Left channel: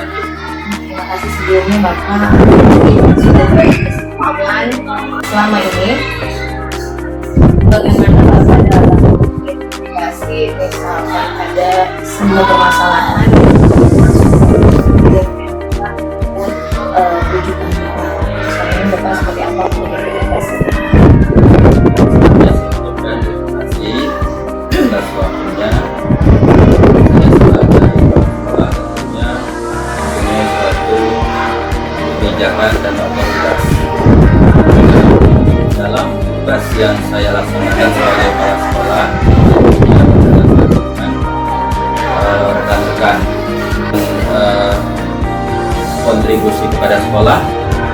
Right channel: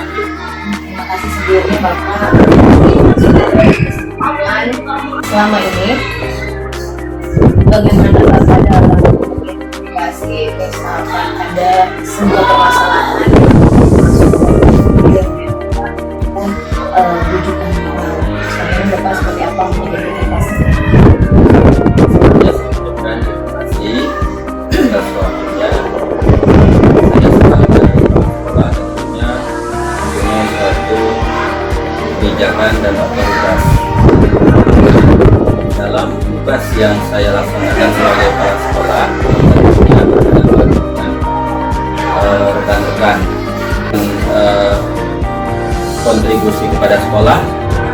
lanjut. Terima kasih sebelumnya Bapak sudah berkesempatan selama ini. Bagaimana Bapak dalam identifikasi misalkan ada sebuah permasalahan dan rujukan moral. Selama ini Bapak seperti apa identifikasinya? Atas waktunya saya sebagai kepala tentunya mempunyai suatu kebijakan dan otoritas dalam tugas yang saya laksanakan sebagai kepala sekolah, tentunya dengan rekan-rekan kontribusi kepada sekolah,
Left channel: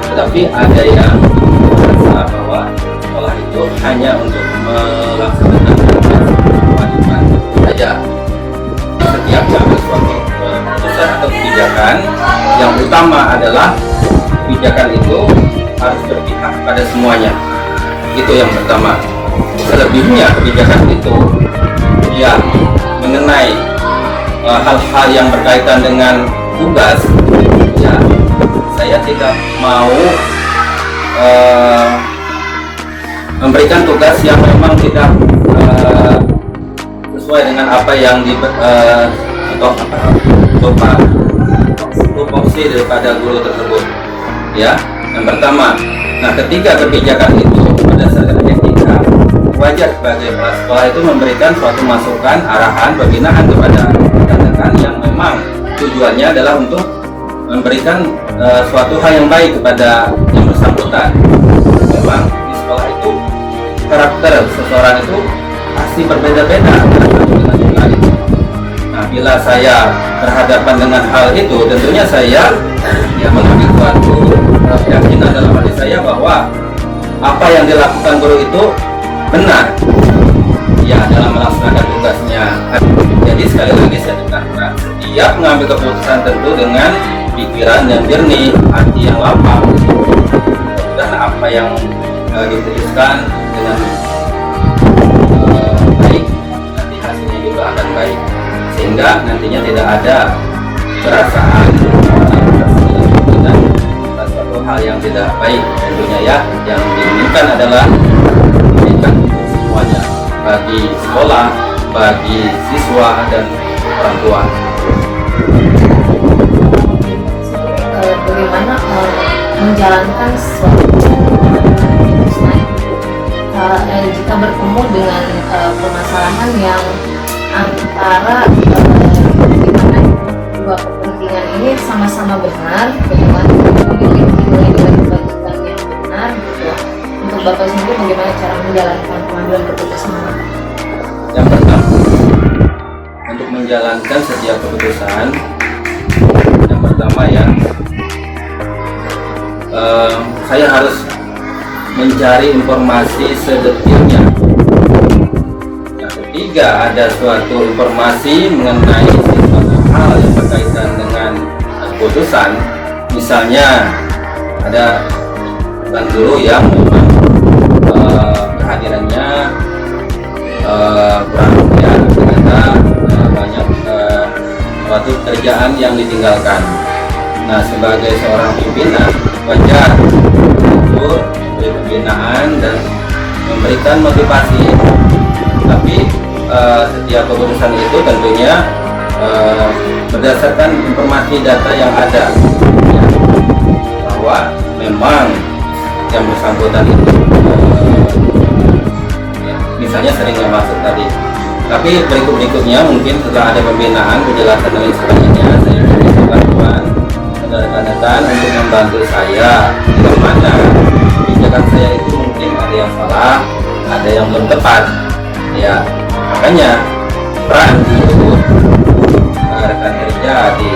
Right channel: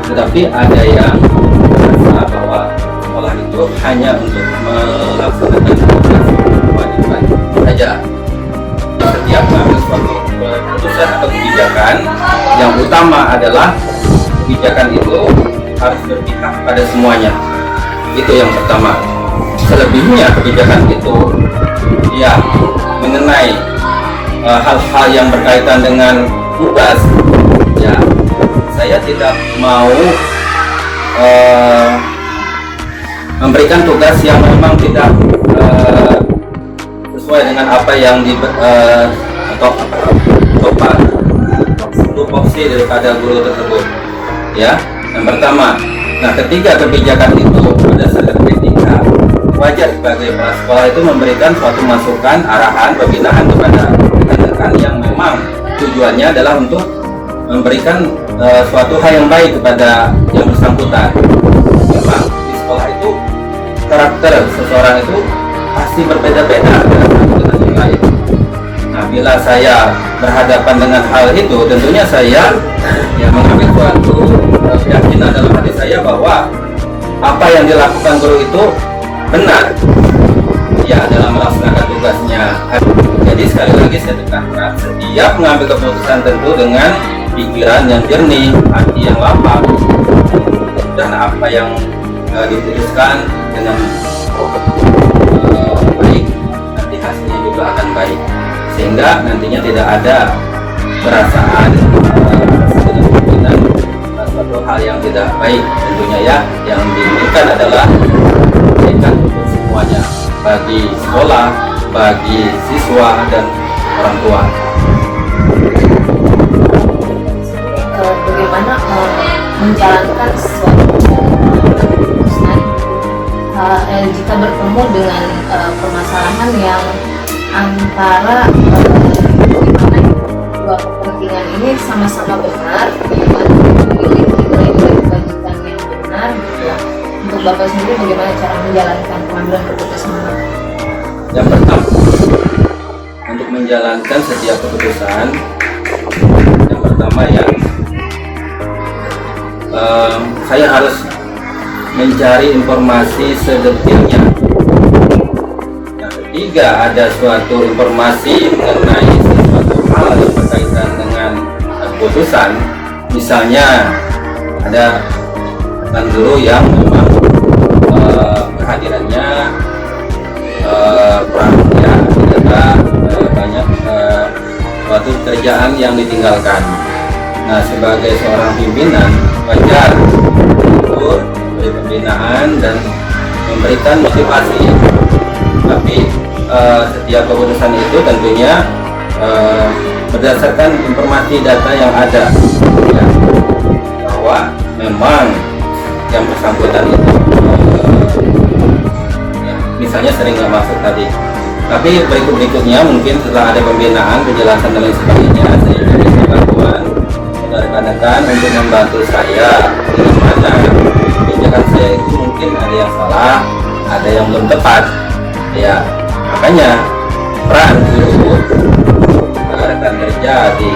tetapi ada yang merasa bahwa sekolah itu hanya untuk melaksanakan kewajiban saja. Setiap mengambil suatu keputusan atau kebijakan, yang utama adalah kebijakan itu harus berpihak pada semuanya. Itu yang pertama. Selebihnya kebijakan itu ya mengenai hal-hal yang berkaitan dengan tugas, ya saya tidak mau memberikan tugas yang memang tidak sesuai dengan apa yang tupoksi daripada guru tersebut, ya. Yang pertama, nah ketika kebijakan itu berdasarkan etika, wajar sebagai kepala sekolah itu memberikan suatu masukan, arahan, pembinaan kepada rekan-rekan yang memang tujuannya adalah untuk memberikan suatu hal yang baik kepada yang bersangkutan. Memang di sekolah itu karakter seseorang itu pasti berbeda-beda dengan yang lain. Nah, bila saya berhadapan dengan hal itu, tentunya saya mengambil suatu keyakinan dalam hati saya bahwa apa yang dilakukan guru itu benar, ya, dalam melaksanakan tugasnya. Jadi sekali lagi saya tekankan, setiap mengambil keputusan tentu dengan pikiran yang jernih, hati yang lapang, dan apa yang diputuskan dengan baik, nanti hasilnya juga akan baik, sehingga nantinya tidak ada perasaan dengan suatu hal yang tidak baik. Tentunya ya, yang diinginkan adalah kebaikan untuk semuanya, bagi sekolah, bagi siswa dan orang tua. Bagaimana menjalankan sesuatu jika bertemu dengan permasalahan yang antara dimana dua kepentingan ini sama-sama benar, bagaimana memiliki kewajiban yang benar, gitu. Untuk Bapak sendiri bagaimana cara menjalankan pengambilan keputusan? Yang pertama, untuk menjalankan setiap keputusan, yang pertama ya, saya harus mencari informasi sedetailnya. Yang ketiga, ada suatu informasi mengenai sesuatu hal yang berkaitan dengan keputusan. Misalnya ada rekan guru yang memang kehadirannya kurang, ya, ternyata banyak suatu kerjaan yang ditinggalkan. Nah, sebagai seorang pimpinan, wajar untuk memberi pembinaan dan memberikan motivasi. Tapi setiap keputusan itu tentunya berdasarkan informasi data yang ada, ya, bahwa memang yang bersangkutan itu misalnya sering nggak masuk tadi. Tapi berikutnya mungkin setelah ada pembinaan, penjelasan dan lain sebagainya, saya jadi bantuan rekan-rekan untuk membantu saya di mana kebijakan saya itu mungkin ada yang salah, ada yang belum tepat, ya. Makanya peran guru rekan kerja di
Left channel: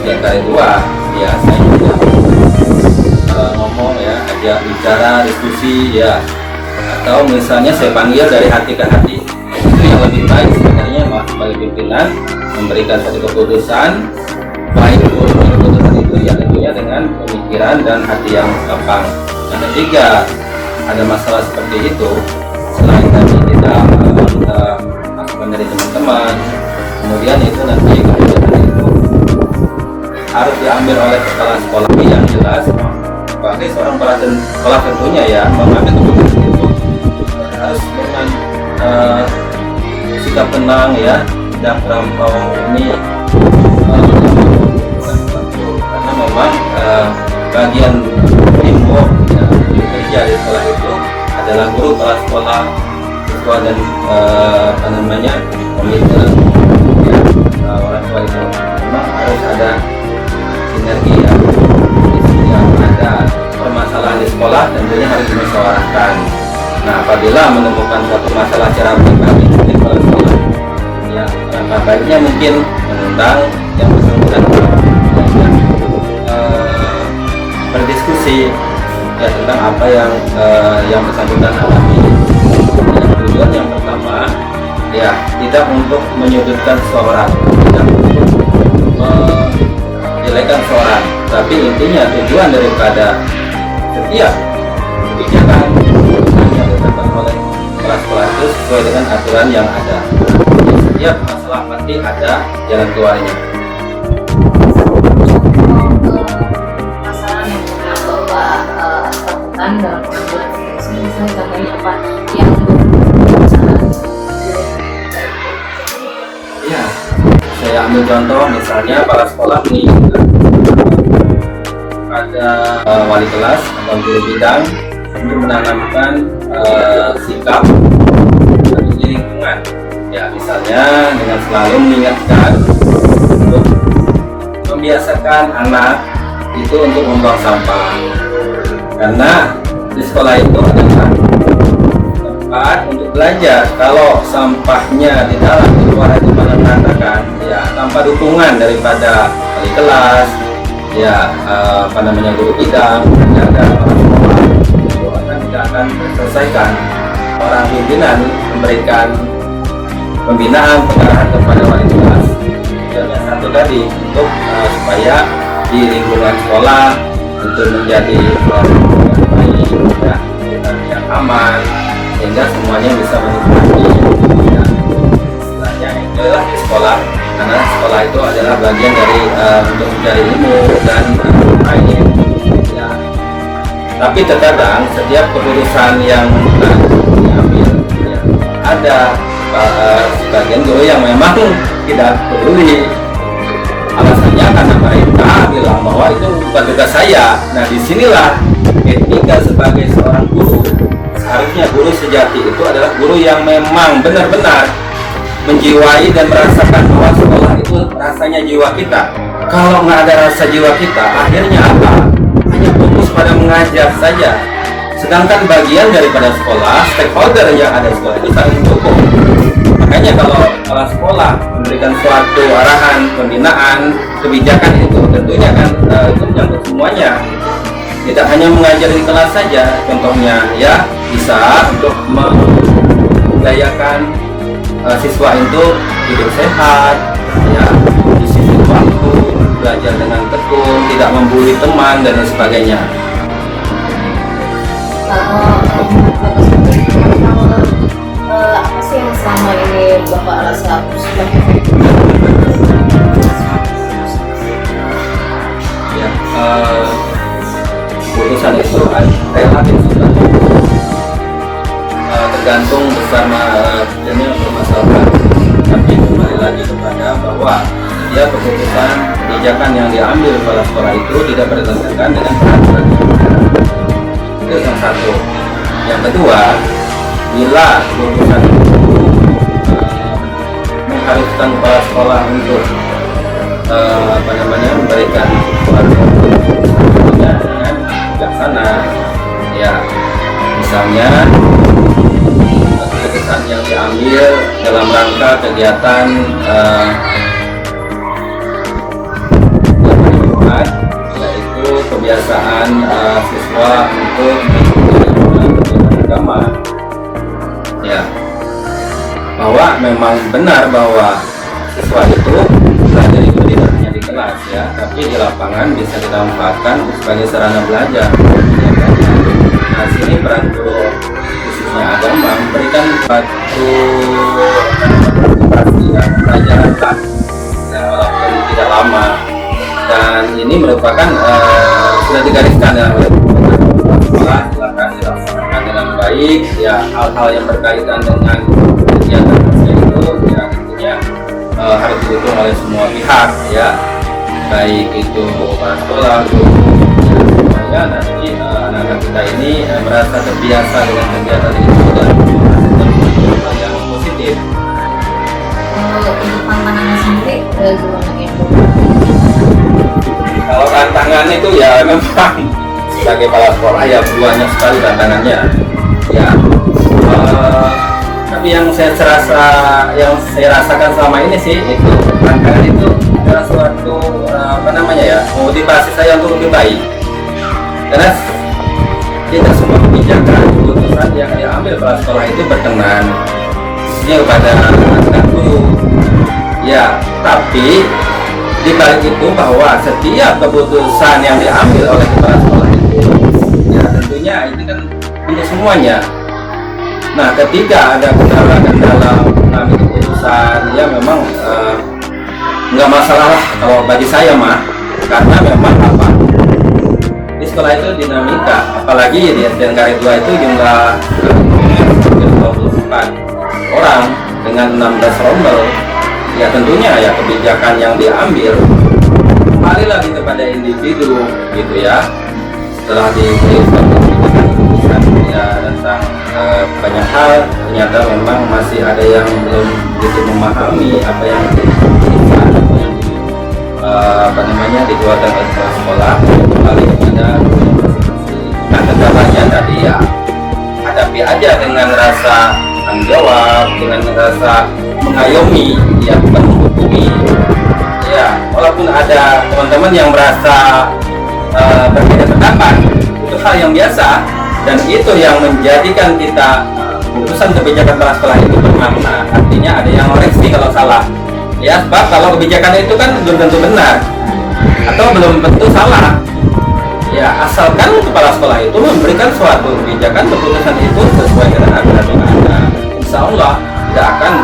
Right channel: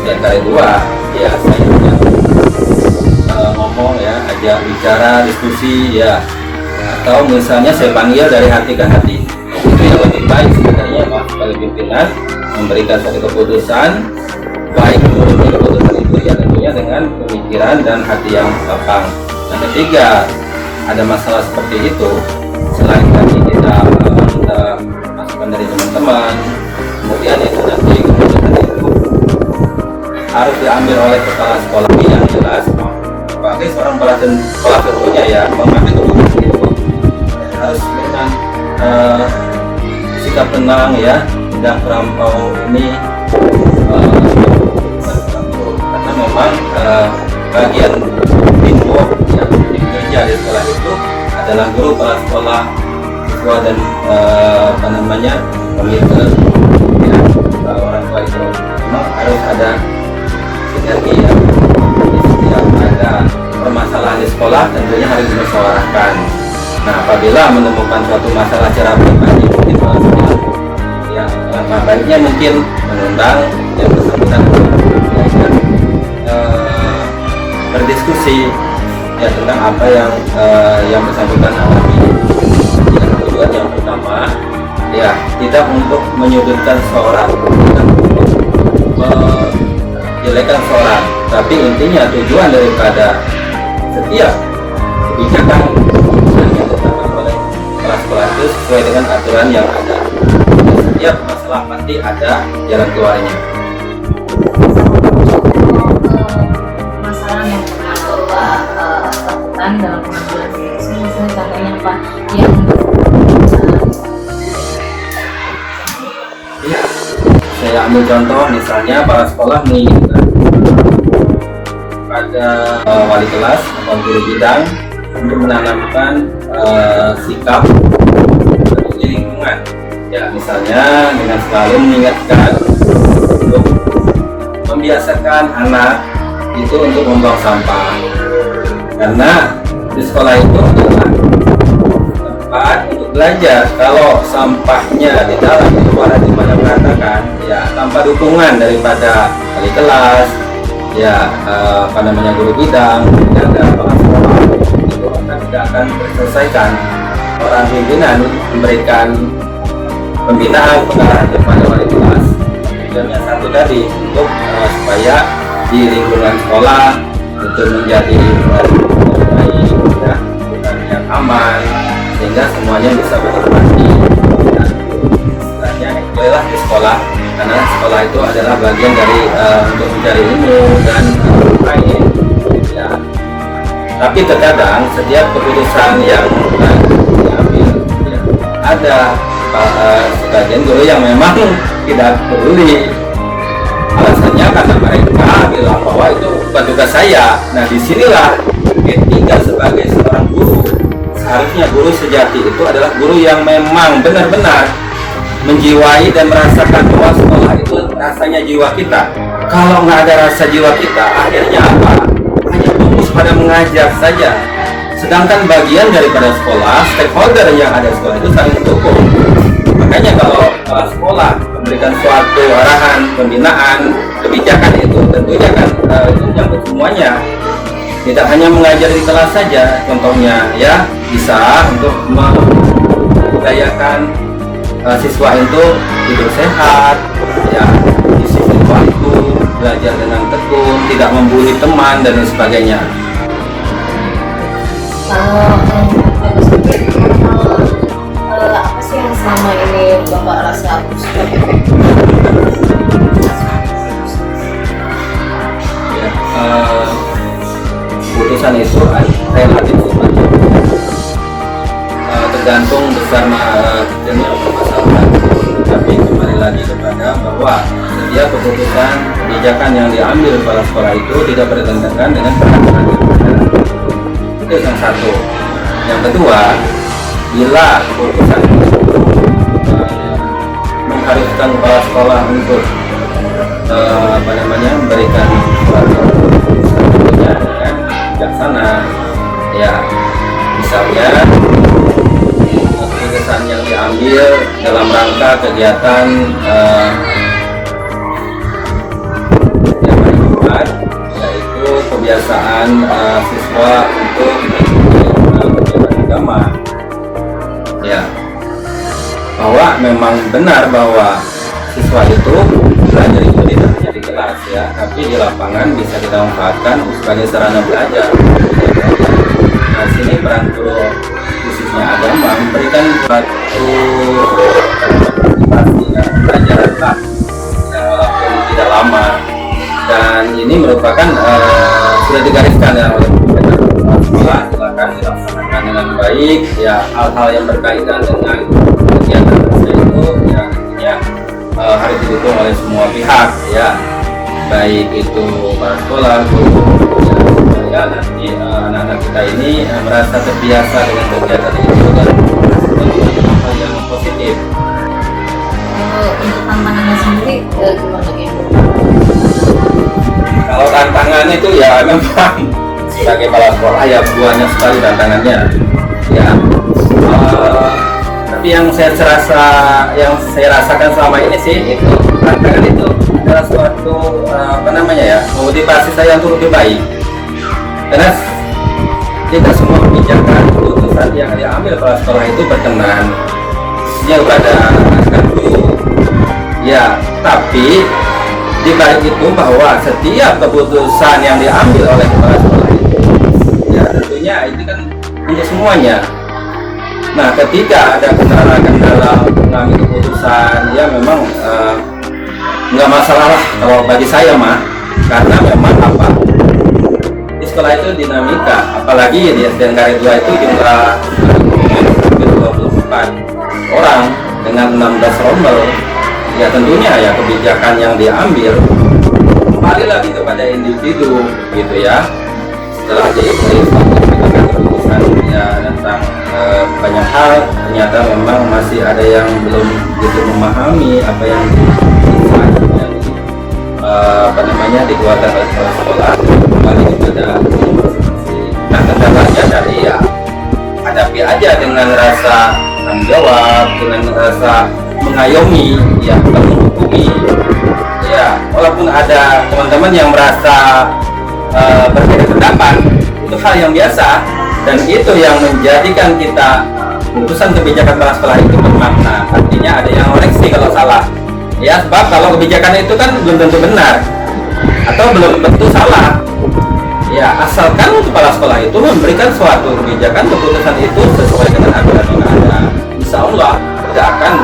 STKI 2, ya, saya juga ngomong, ya, ajak bicara, diskusi, ya, atau misalnya saya panggil dari hati ke hati. Itu yang lebih baik sebenarnya, Mas, sebagai pimpinan memberikan satu keputusan, baik keputusan itu ya tentunya dengan pemikiran dan hati yang lapang. Yang ketiga, ada masalah seperti itu, selain tadi kita minta masukan dari teman-teman, kemudian itu nanti keputusan itu harus diambil oleh kepala sekolah yang jelas sebagai seorang perhatian sekolah tentunya ya mengambil keputusan itu harus dengan sikap tenang ya, tidak terlampau ini karena memang bagian teamwork ya, kerja di sekolah itu adalah guru, kepala sekolah, siswa dan apa namanya komite ya, orang tua itu memang harus ada sinergi ya. Yang ada permasalahan di sekolah tentunya harus dimusyawarahkan. Nah, apabila menemukan suatu masalah secara pribadi di kepala sekolah ya, baiknya mungkin mengundang yang bersangkutan berdiskusi ya tentang apa yang bersangkutan alami. Ya, tujuan yang pertama ya tidak untuk menyudutkan seorang, tidak menjelekan seorang, tapi intinya tujuan daripada setiap kebijakan yang ditetapkan oleh kepala sekolah itu sesuai dengan aturan yang ada. Dan setiap masalah pasti ada jalan keluarnya. Masalah yang pernah Bapak lakukan dalam pengambilan keputusan, misalnya contohnya apa yang Ya, saya ambil contoh misalnya kepala sekolah menginginkan pada wali kelas atau guru bidang untuk menanamkan sikap di lingkungan. Ya, misalnya dengan selalu mengingatkan untuk membiasakan anak itu untuk membuang sampah, karena di sekolah itu adalah tempat untuk belajar. Kalau sampahnya di dalam di luar itu malah berantakan ya, tanpa dukungan daripada wali kelas ya, apa namanya guru bidang dan kepala sekolah itu tidak akan terselesaikan. Orang pimpinan memberikan pembinaan pengarahan kepada wali kelas tujuannya satu tadi untuk supaya di lingkungan sekolah itu menjadi baik ya, yang aman sehingga semuanya bisa menikmati ya, istilahnya enjoy lah di sekolah, karena sekolah itu adalah bagian dari untuk mencari ilmu dan bermain ya. Tapi terkadang setiap keputusan yang diambil ya, ada sebagian guru yang memang tidak peduli, alasannya karena mereka bilang bahwa itu bukan tugas saya. Nah, disinilah etika sebagai seorang guru. Seharusnya guru sejati itu adalah guru yang memang benar-benar menjiwai dan merasakan bahwa sekolah itu rasanya jiwa kita. Kalau nggak ada rasa jiwa kita, akhirnya apa? Hanya fokus pada mengajar saja. Sedangkan bagian daripada sekolah, stakeholder yang ada di sekolah itu saling mendukung. Makanya kalau kepala sekolah memberikan suatu arahan, pembinaan, kebijakan itu tentunya kan itu menyangkut semuanya. Tidak hanya mengajar di kelas saja, contohnya ya bisa untuk membudayakan siswa itu hidup sehat, ya disisir waktu, belajar dengan tekun, tidak membuli teman dan lain sebagainya. Apa sih yang selama ini Bapak rasa sudah Ya, keputusan itu relatif tergantung besar kecilnya permasalahan, tapi kembali lagi kepada bahwa dia keputusan kebijakan yang diambil kepala sekolah itu tidak bertentangan dengan peraturan yang ada. Itu yang satu. Yang kedua, bila keputusan itu mengharuskan kepala sekolah untuk memberikan suatu dengan bijaksana, ya misalnya keputusan yang diambil dalam rangka kegiatan yang bermanfaat, yaitu kebiasaan siswa untuk kegiatan agama, ya bahwa memang benar bahwa siswa itu belajar itu tidak hanya di kelas ya, tapi di lapangan bisa kita manfaatkan sebagai sarana belajar. Nah, sini peran guru khususnya agama memberikan suatu motivasi ya, pelajaran lah, ya, walaupun tidak lama dan ini merupakan sudah digariskan ya oleh pemerintah sekolah, silakan dilaksanakan dengan baik ya. Hal-hal yang berkaitan dengan kegiatan itu ya tentunya harus didukung oleh semua pihak ya, baik itu para sekolah, guru ya, nanti anak-anak kita ini merasa terbiasa dengan kegiatan itu dan menghasilkan hal yang positif. Untuk tantangannya sendiri gimana ya? Kalau tantangannya itu ya memang sebagai kepala sekolah ya banyak sekali tantangannya ya. Tapi yang saya rasakan selama ini sih itu tantangan itu adalah suatu motivasi saya untuk lebih baik, karena kita semua kebijakan keputusan yang diambil kepala sekolah itu berkenan kepada anak guru ya, tapi di balik itu bahwa setiap keputusan yang diambil oleh kepala sekolah itu ya tentunya ini kan untuk semuanya. Nah, ketika ada kendala mengambil keputusan ya memang nggak masalah lah kalau bagi saya mah, karena memang apa di sekolah itu dinamika, apalagi di SDN Karet 2 itu jumlah 24 orang dengan 16 rombel ya, tentunya ya kebijakan yang diambil kembali lagi kepada individu gitu ya. Setelah diberi keputusan ya tentang banyak hal, ternyata memang masih ada yang belum begitu memahami apa yang dikeluarkan oleh kepala sekolah, kembali kepada nah kendalanya dari ya hadapi aja dengan rasa tanggung jawab, dengan rasa mengayomi ya, bukan menghukumi ya. Walaupun ada teman-teman yang merasa berbeda pendapat, itu hal yang biasa dan itu yang menjadikan kita putusan kebijakan kepala sekolah itu bermakna. Artinya ada yang koreksi kalau salah ya, sebab kalau kebijakan itu kan belum tentu benar atau belum tentu salah ya, asalkan kepala sekolah itu memberikan suatu kebijakan keputusan itu sesuai dengan aturan yang ada, insya Allah tidak akan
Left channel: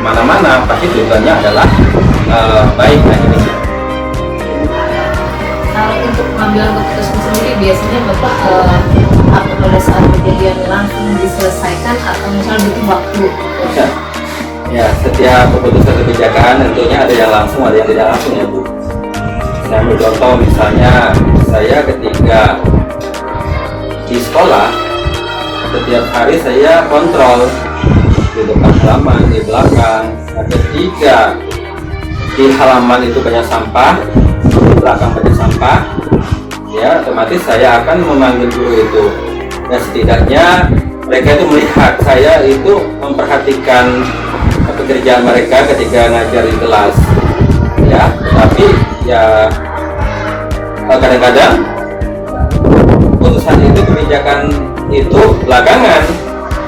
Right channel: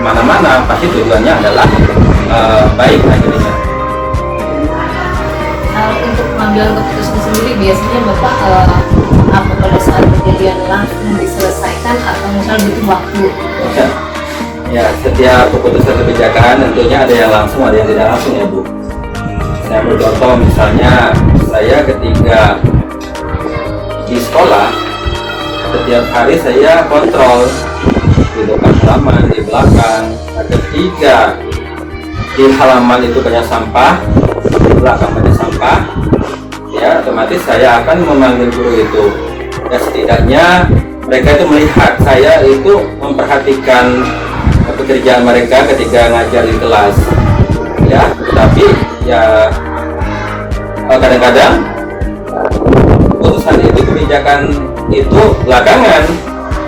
mana-mana, pasti tujuannya adalah baik akhirnya. Kalau untuk pengambilan keputusan sendiri biasanya Bapak apa pada saat kejadian langsung diselesaikan atau misalnya butuh waktu? Ya, setiap keputusan kebijakan tentunya ada yang langsung, ada yang tidak langsung ya Bu. Saya ambil contoh misalnya saya ketika di sekolah setiap hari saya kontrol di depan halaman, di belakang. Nah, ketika di halaman itu banyak sampah, di belakang banyak sampah ya, otomatis saya akan memanggil guru itu ya, setidaknya mereka itu melihat saya itu memperhatikan pekerjaan mereka ketika ngajar di kelas ya. Tapi ya kadang-kadang keputusan itu, kebijakan itu belakangan,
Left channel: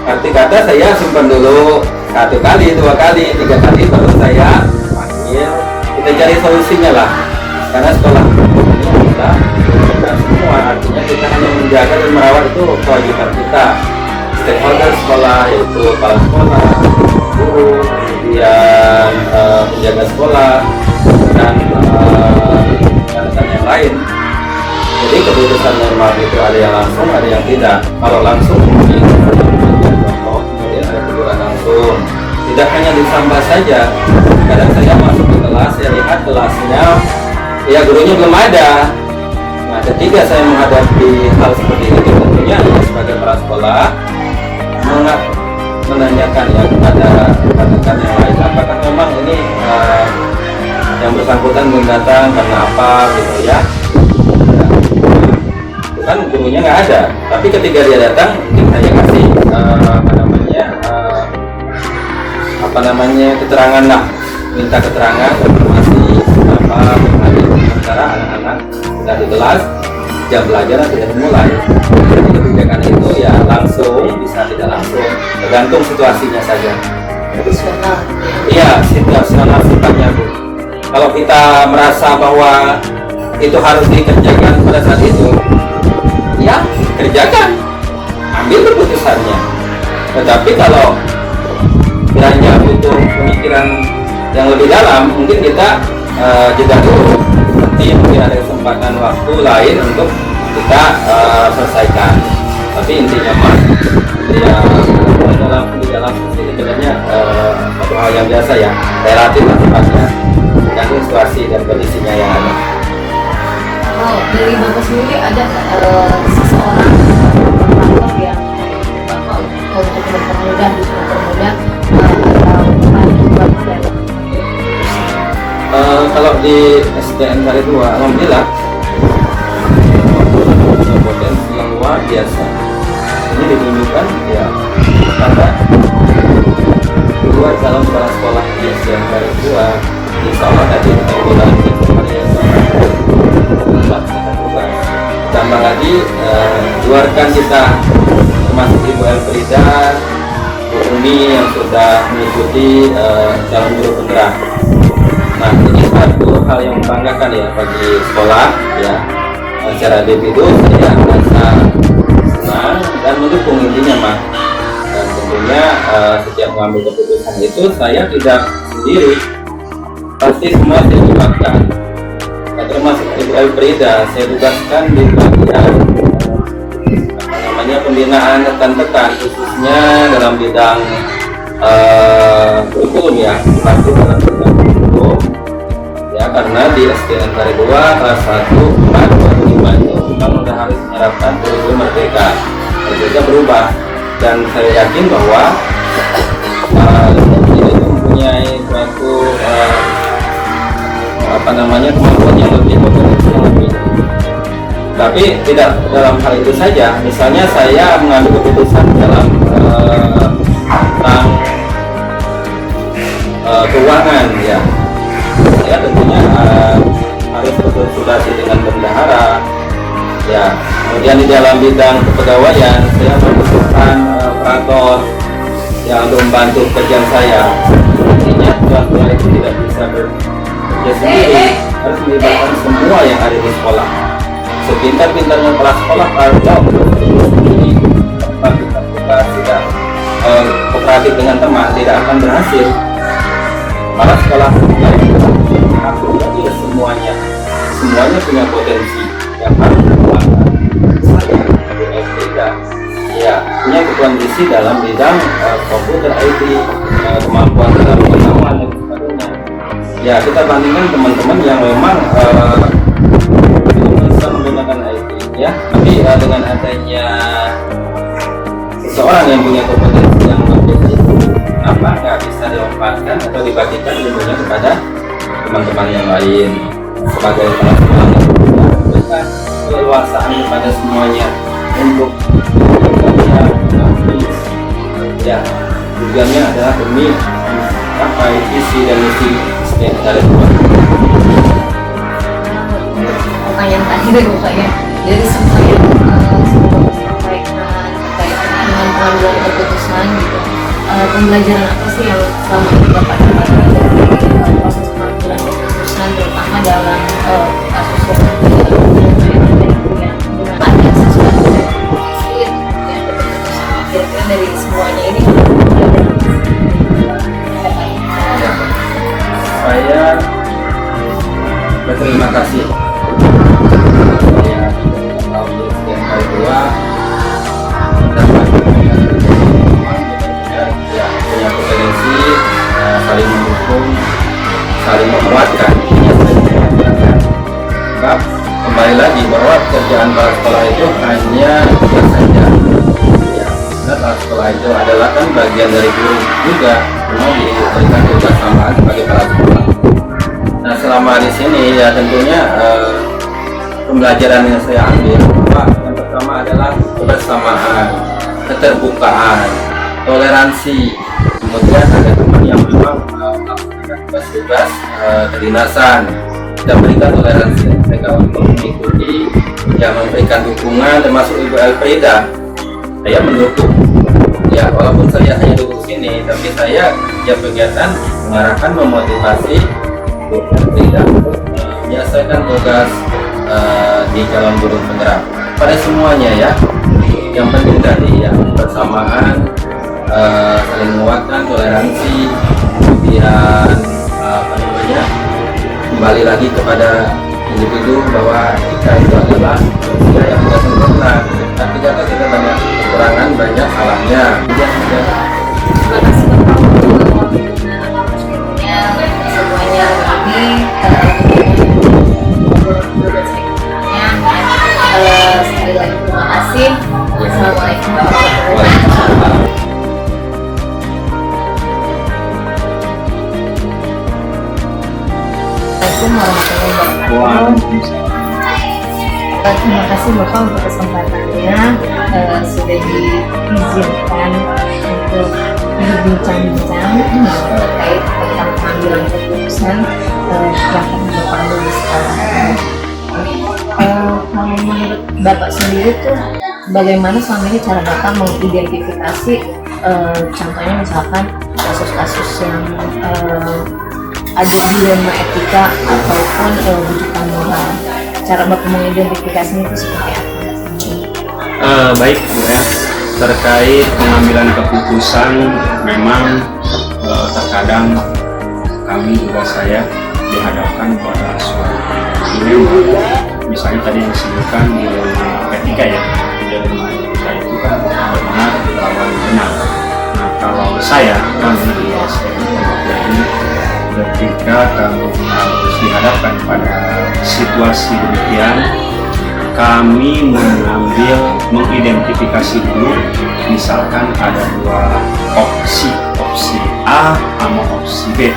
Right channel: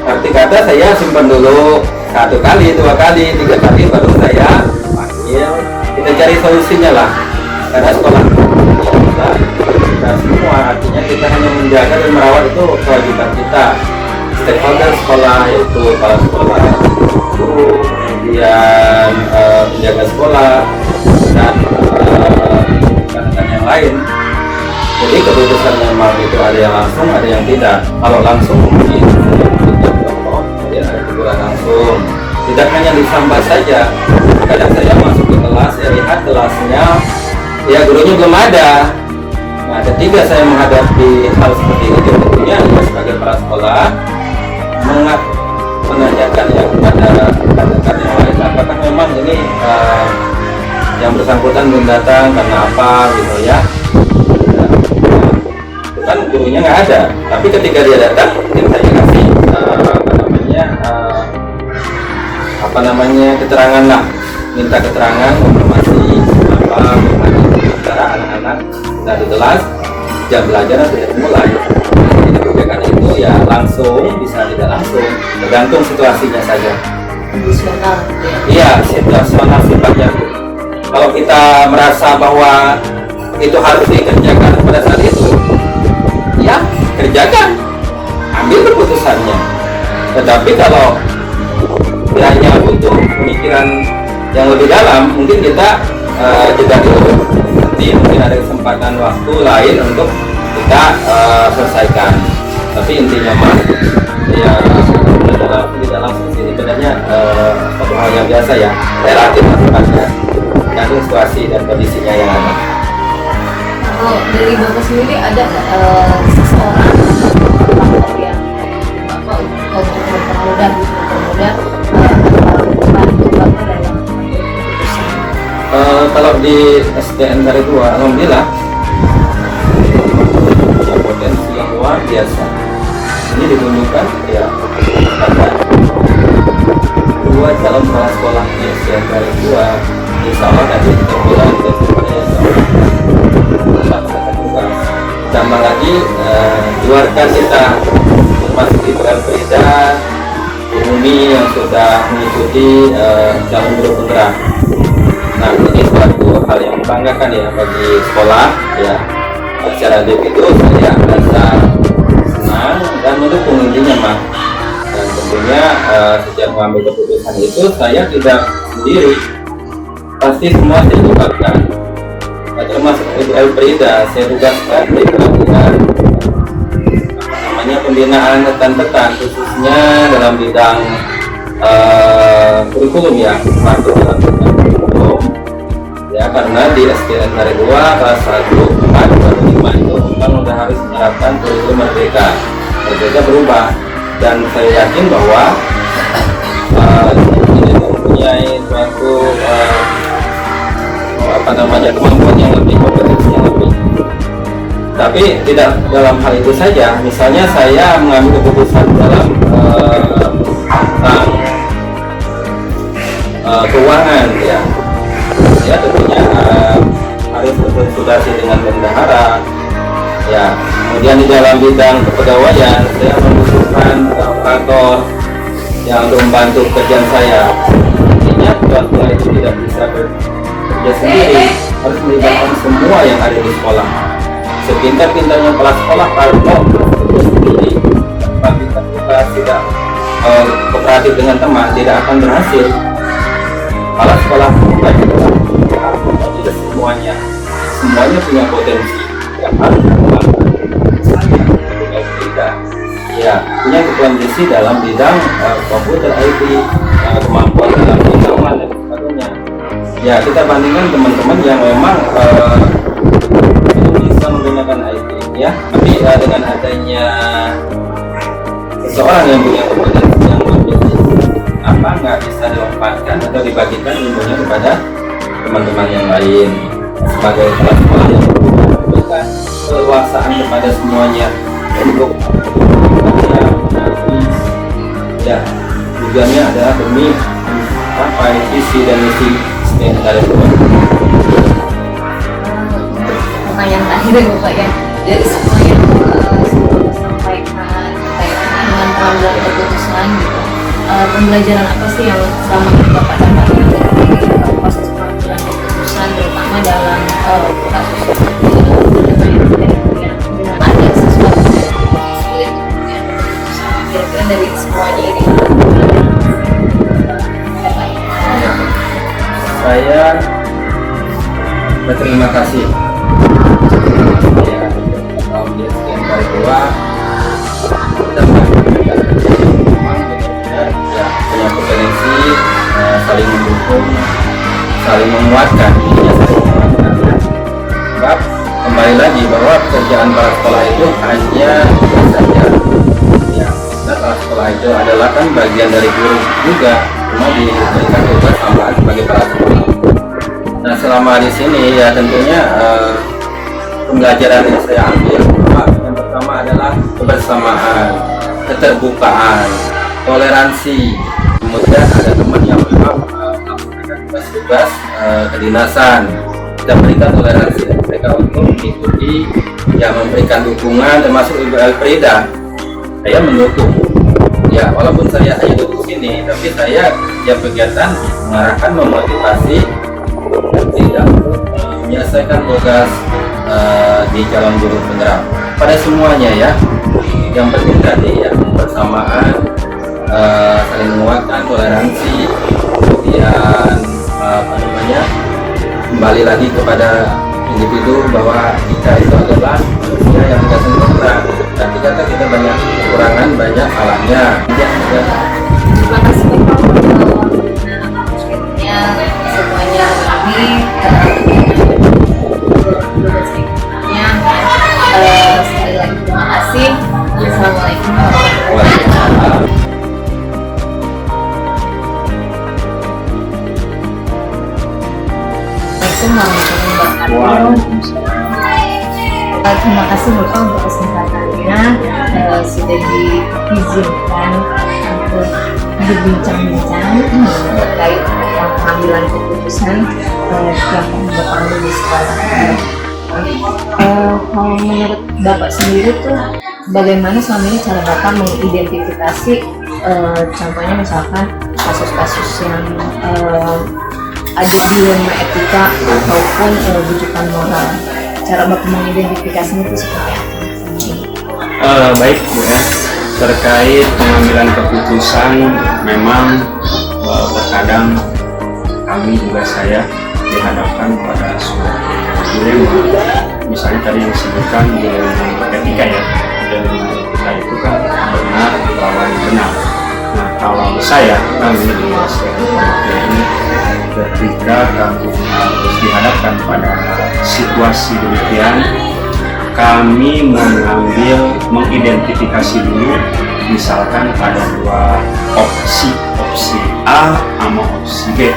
arti kata saya simpan dulu 1 kali, 2 kali, 3 kali baru saya panggil, kita cari solusinya lah, karena sekolah kita semua, artinya kita hanya menjaga dan merawat itu kewajiban kita, stakeholder sekolah yaitu kepala sekolah, guru, kemudian penjaga sekolah dan rekan yang lain. Jadi keputusan memang itu ada yang langsung, ada yang tidak. Kalau langsung kemudian ada teguran langsung, tidak hanya disambat saja. Kadang saya masuk ke kelas, saya lihat kelasnya ya gurunya belum ada. Nah, ketika saya menghadapi hal seperti itu, tentunya ya sebagai kepala sekolah menanyakan ya kepada rekan yang lain, apakah memang ini yang bersangkutan belum datang karena apa gitu ya. Kan gurunya nggak ada, tapi ketika dia datang mungkin saya kasih keterangan lah, minta keterangan informasi apa antara anak-anak nggak di kelas, jam belajar tidak dimulai. Jadi kebijakan itu ya langsung, bisa tidak langsung, tergantung situasinya saja. Situasional. Iya, situasional sifatnya. Kalau kita merasa bahwa itu harus dikerjakan pada saat itu, ya kerjakan, ambil keputusannya. Tetapi kalau kiranya butuh pemikiran yang lebih dalam, mungkin kita jeda dulu, nanti mungkin ada kesempatan waktu lain untuk kita selesaikan. Tapi intinya mah ya di dalam sisi sebenarnya satu hal yang biasa ya, relatif sifatnya dan situasi dan kondisinya yang ada. Oh, dari Bapak sendiri ada seseorang atau yang Bapak untuk mempermudah membantu Bapak dalam keputusan? Kalau di SDN dari 2, alhamdulillah potensi yang luar biasa. Ini ditunjukkan ya ada 2 calon kepala sekolah di SDN dari 2. Insya Allah tadi terbulan kepada yang tambah lagi luarkan kita termasuk Ibu Elfrida, Bu Umi yang sudah mengikuti calon guru penggerak. Nah, ini satu hal yang membanggakan ya bagi sekolah ya. Secara itu saya merasa senang dan mendukung intinya mah. Dan tentunya setiap mengambil keputusan itu saya tidak sendiri, pasti semua dilibatkan. Termasuk Ibu Elfrida, saya tugaskan di pelatihan pembinaan rekan-rekan khususnya dalam bidang kurikulum ya, satu alat kurikulum ya, karena di SDN dari 2 kelas 1, 4, 5 itu memang sudah harus menerapkan kurikulum merdeka berubah, dan saya yakin bahwa ini mempunyai suatu kemampuan yang lebih, kompetensi yang lebih. Tapi tidak dalam hal itu saja. Misalnya saya mengambil keputusan dalam tentang keuangan ya, saya tentunya harus berkonsultasi dengan bendahara ya. Kemudian di dalam bidang kepegawaian saya membutuhkan operator yang untuk membantu pekerjaan saya. Artinya ketua itu tidak bisa bekerja sendiri, harus melibatkan semua yang ada di sekolah. Sepintar-pintarnya kepala sekolah kalau sendiri, kita tidak kooperatif dengan teman, tidak akan berhasil. Kepala sekolah harus semuanya punya potensi yang harus dikembangkan. Saya punya tidak, ya punya potensi dalam bidang komputer IT, kemampuan dalam pengetahuan dan sebagainya. Ya kita bandingkan teman-teman yang memang menggunakan IT ya, tapi dengan adanya seseorang yang punya kompetensi yang lebih, apa nggak bisa dilompatkan atau dibagikan ilmunya kepada teman-teman yang lain sebagai kepala sekolah yang memberikan keleluasaan kepada semuanya untuk ya, tujuannya adalah demi mencapai visi dan misi yang ada buat. Yang tadi Bapak ya, dari semua yang Bapak sampaikan terkait dengan pengambilan keputusan gitu, pembelajaran apa sih yang selama ini Bapak dapatkan dari proses pengambilan keputusan, terutama dalam kasus yang ada sesuatu yang sulit kira-kira dari semuanya ini? Saya berterima kasih punya kompetensi, saling mendukung, saling menguatkan. Sebab kembali lagi bahwa pekerjaan kepala sekolah itu hanya tidak saja ya, kepala sekolah itu adalah kan bagian dari guru juga, cuma diberikan tugas tambahan sebagai kepala sekolah. Nah selama di sini ya tentunya pembelajaran yang saya ambil yang pertama adalah kebersamaan, keterbukaan, toleransi. Kemudian ada teman yang memang melaksanakan tugas-tugas kedinasan, kita berikan toleransi mereka untuk mengikuti, ya memberikan dukungan, termasuk Ibu Elfrida. Saya mendukung, ya walaupun saya hanya duduk sini, tapi saya tiap kegiatan mengarahkan, memotivasi dan tidak menyelesaikan tugas di calon guru penggerak pada semuanya ya. Yang penting tadi ya persamaan, saling menguatkan, toleransi, kemudian kembali lagi kepada individu bahwa kita itu adalah manusia yang tidak sempurna, dan ternyata kita banyak kekurangan, banyak salahnya. Terima kasih Bapak untuk waktunya semuanya ini sekali lagi terima kasih. Assalamualaikum warahmatullahi wabarakatuh. Assalamualaikum warahmatullahi wabarakatuh. Terima kasih Bapak untuk kesempatannya, sudah diizinkan untuk berbincang-bincang terkait dengan pengambilan keputusan yang Bapak ambil di sekolah. Kalau menurut Bapak sendiri tuh bagaimana selama ini cara Bapak mengidentifikasi contohnya misalkan kasus-kasus yang ada dilema etika ataupun rujukan moral, cara Bapak mengidentifikasinya itu seperti apa? Baik Bu ya, terkait pengambilan keputusan memang terkadang kami juga saya dihadapkan pada suatu dilema. Misalnya tadi yang disebutkan dilema etika ya, dilema etika itu kan benar lawan benar. Nah kalau kami di SPM ini ketika kami harus dihadapkan pada situasi demikian, kami mengidentifikasi dulu, misalkan ada dua opsi A sama opsi B.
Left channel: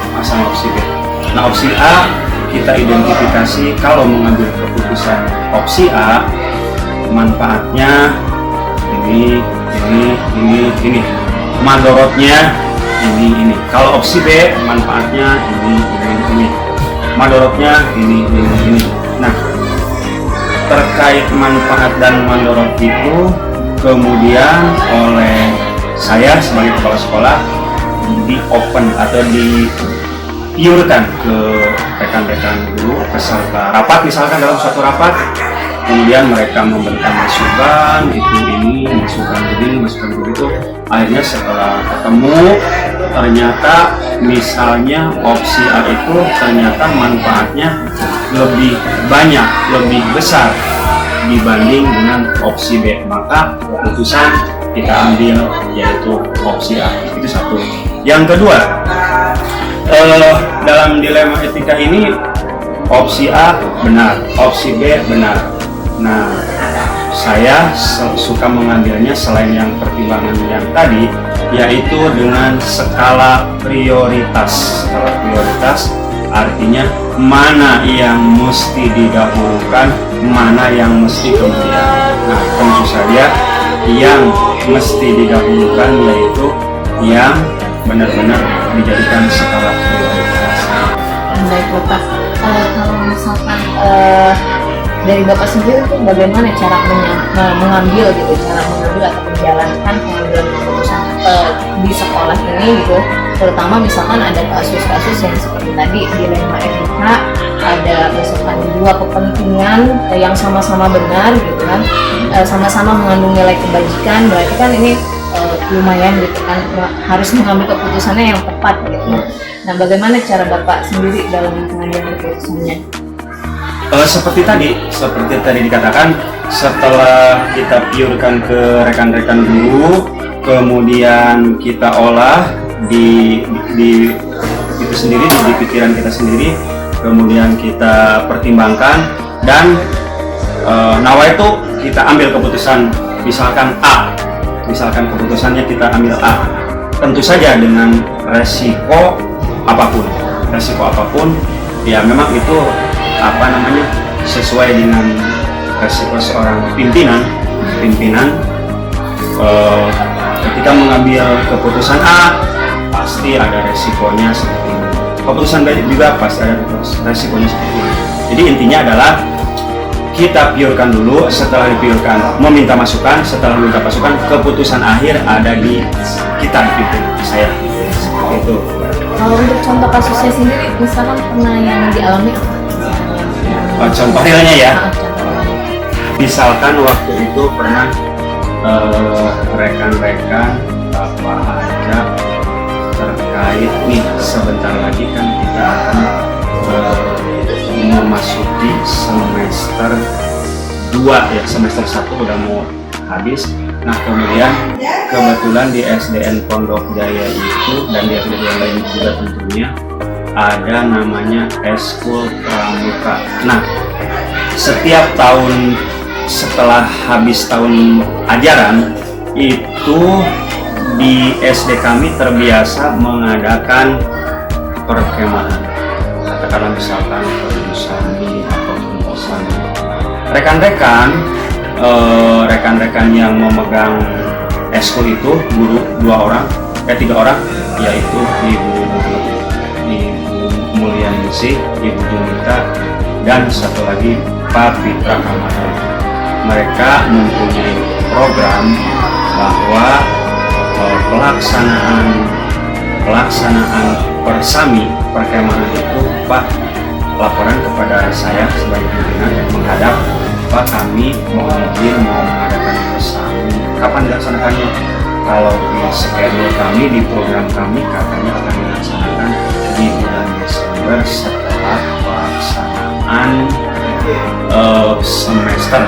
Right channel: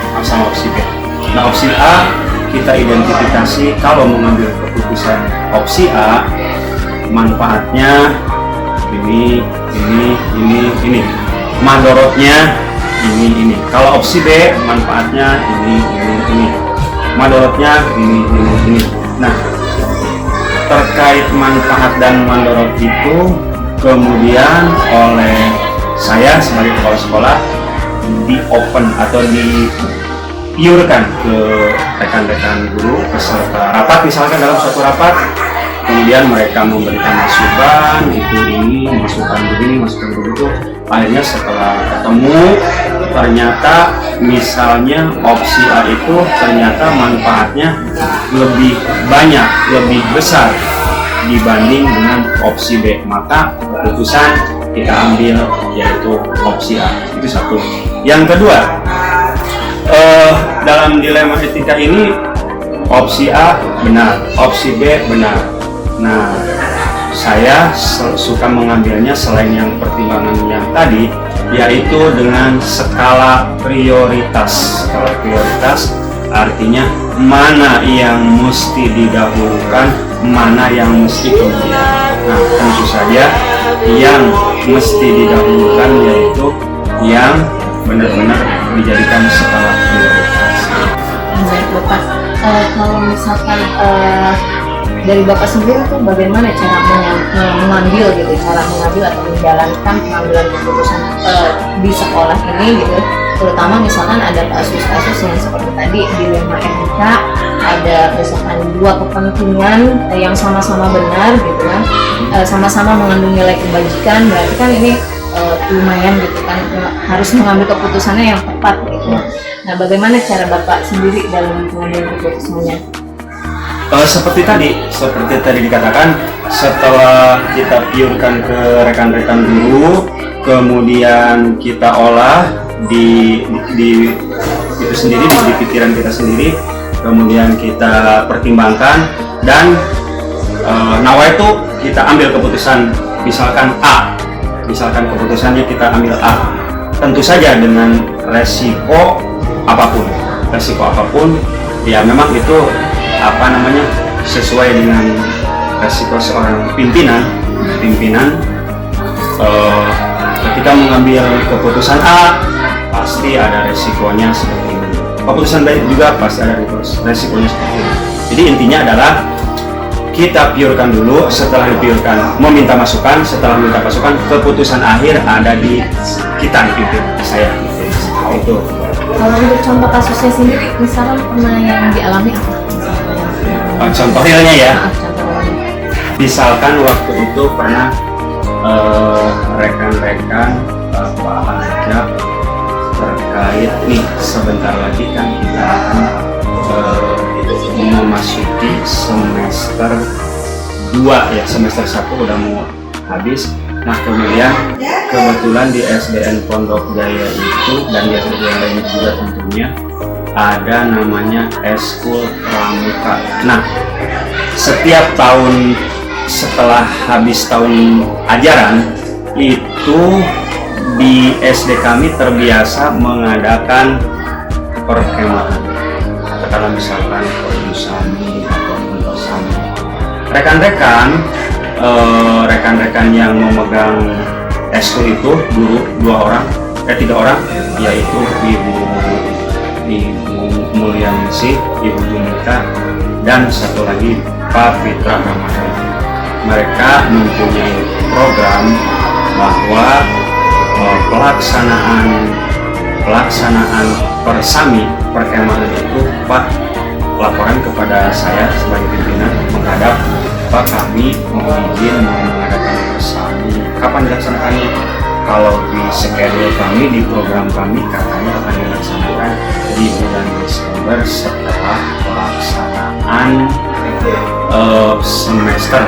Nah opsi A kita identifikasi, kalau mengambil keputusan opsi A manfaatnya ini, madorotnya ini. Kalau opsi B manfaatnya ini, madorotnya ini. Nah terkait manfaat dan mandorot itu kemudian oleh saya sebagai kepala sekolah di open atau dipiurkan ke rekan-rekan guru peserta rapat, misalkan dalam suatu rapat, kemudian mereka memberikan masukan ini, masukan begitu. Akhirnya setelah ketemu ternyata misalnya opsi A itu ternyata manfaatnya lebih banyak, lebih besar dibanding dengan opsi B, maka keputusan kita ambil yaitu opsi A. Itu satu. Yang kedua, dalam dilema etika ini opsi A benar, opsi B benar. Nah saya suka mengambilnya selain yang pertimbangan yang tadi, yaitu dengan skala prioritas. Skala prioritas artinya mana yang mesti didahulukan, mana yang mesti kemudian. Nah tentu saja yang mesti didahulukan yaitu yang benar-benar dijadikan skala prioritas. Baik Bapak, kalau misalkan dari Bapak sendiri tuh bagaimana cara mengambil atau menjalankan pengambilan keputusan di sekolah ini gitu, terutama misalkan ada kasus-kasus yang seperti tadi dilema etika, ada misalkan dua kepentingan yang sama-sama benar gitu kan, sama-sama mengandung nilai kebajikan, berarti kan ini lumayan gitu kan, harus mengambil keputusannya yang tepat gitu. Nah bagaimana cara Bapak sendiri dalam mengambil keputusannya? Seperti tadi dikatakan, setelah kita piurkan ke rekan-rekan guru, kemudian kita olah di itu sendiri, di pikiran kita sendiri, kemudian kita pertimbangkan dan itu kita ambil keputusan, misalkan A, keputusannya kita ambil A, tentu saja dengan resiko apapun ya memang itu sesuai dengan resiko seorang pimpinan ketika mengambil keputusan A pasti ada resikonya seperti ini, keputusan B juga pasti ada resikonya seperti ini. Jadi intinya adalah kita piurkan dulu, setelah dipiurkan meminta masukan, keputusan akhir ada di kita, di saya gitu. Itu. Kalau untuk contoh kasusnya sendiri, misalkan pernah yang dialami contoh realnya ya, misalkan waktu itu pernah rekan-rekan Bapak ajak terkait nih, sebentar lagi kan kita akan memasuki semester 2 ya, semester 1 udah mau habis. Nah kemudian kebetulan di SDN Pondok Jaya itu dan di SDN yang lain juga tentunya ada namanya Eskul Pramuka. Nah setiap tahun setelah habis tahun ajaran itu di SD kami terbiasa mengadakan perkemahan, katakanlah misalkan Perjusami atau Persami. Rekan-rekan yang memegang eskul itu guru 3 orang, yaitu Ibu Mulyaningsih, Ibu Junita, dan satu lagi Pak Fitra Ramadan. Mereka mempunyai program bahwa pelaksanaan persami perkemahan itu Pak laporan kepada saya sebagai pimpinan menghadap Pak, kami mau izin mau mengadakan persami, kapan dilaksanakannya? Kalau di schedule kami, di program kami katanya akan dilaksanakan di bulan Desember setelah pelaksanaan semester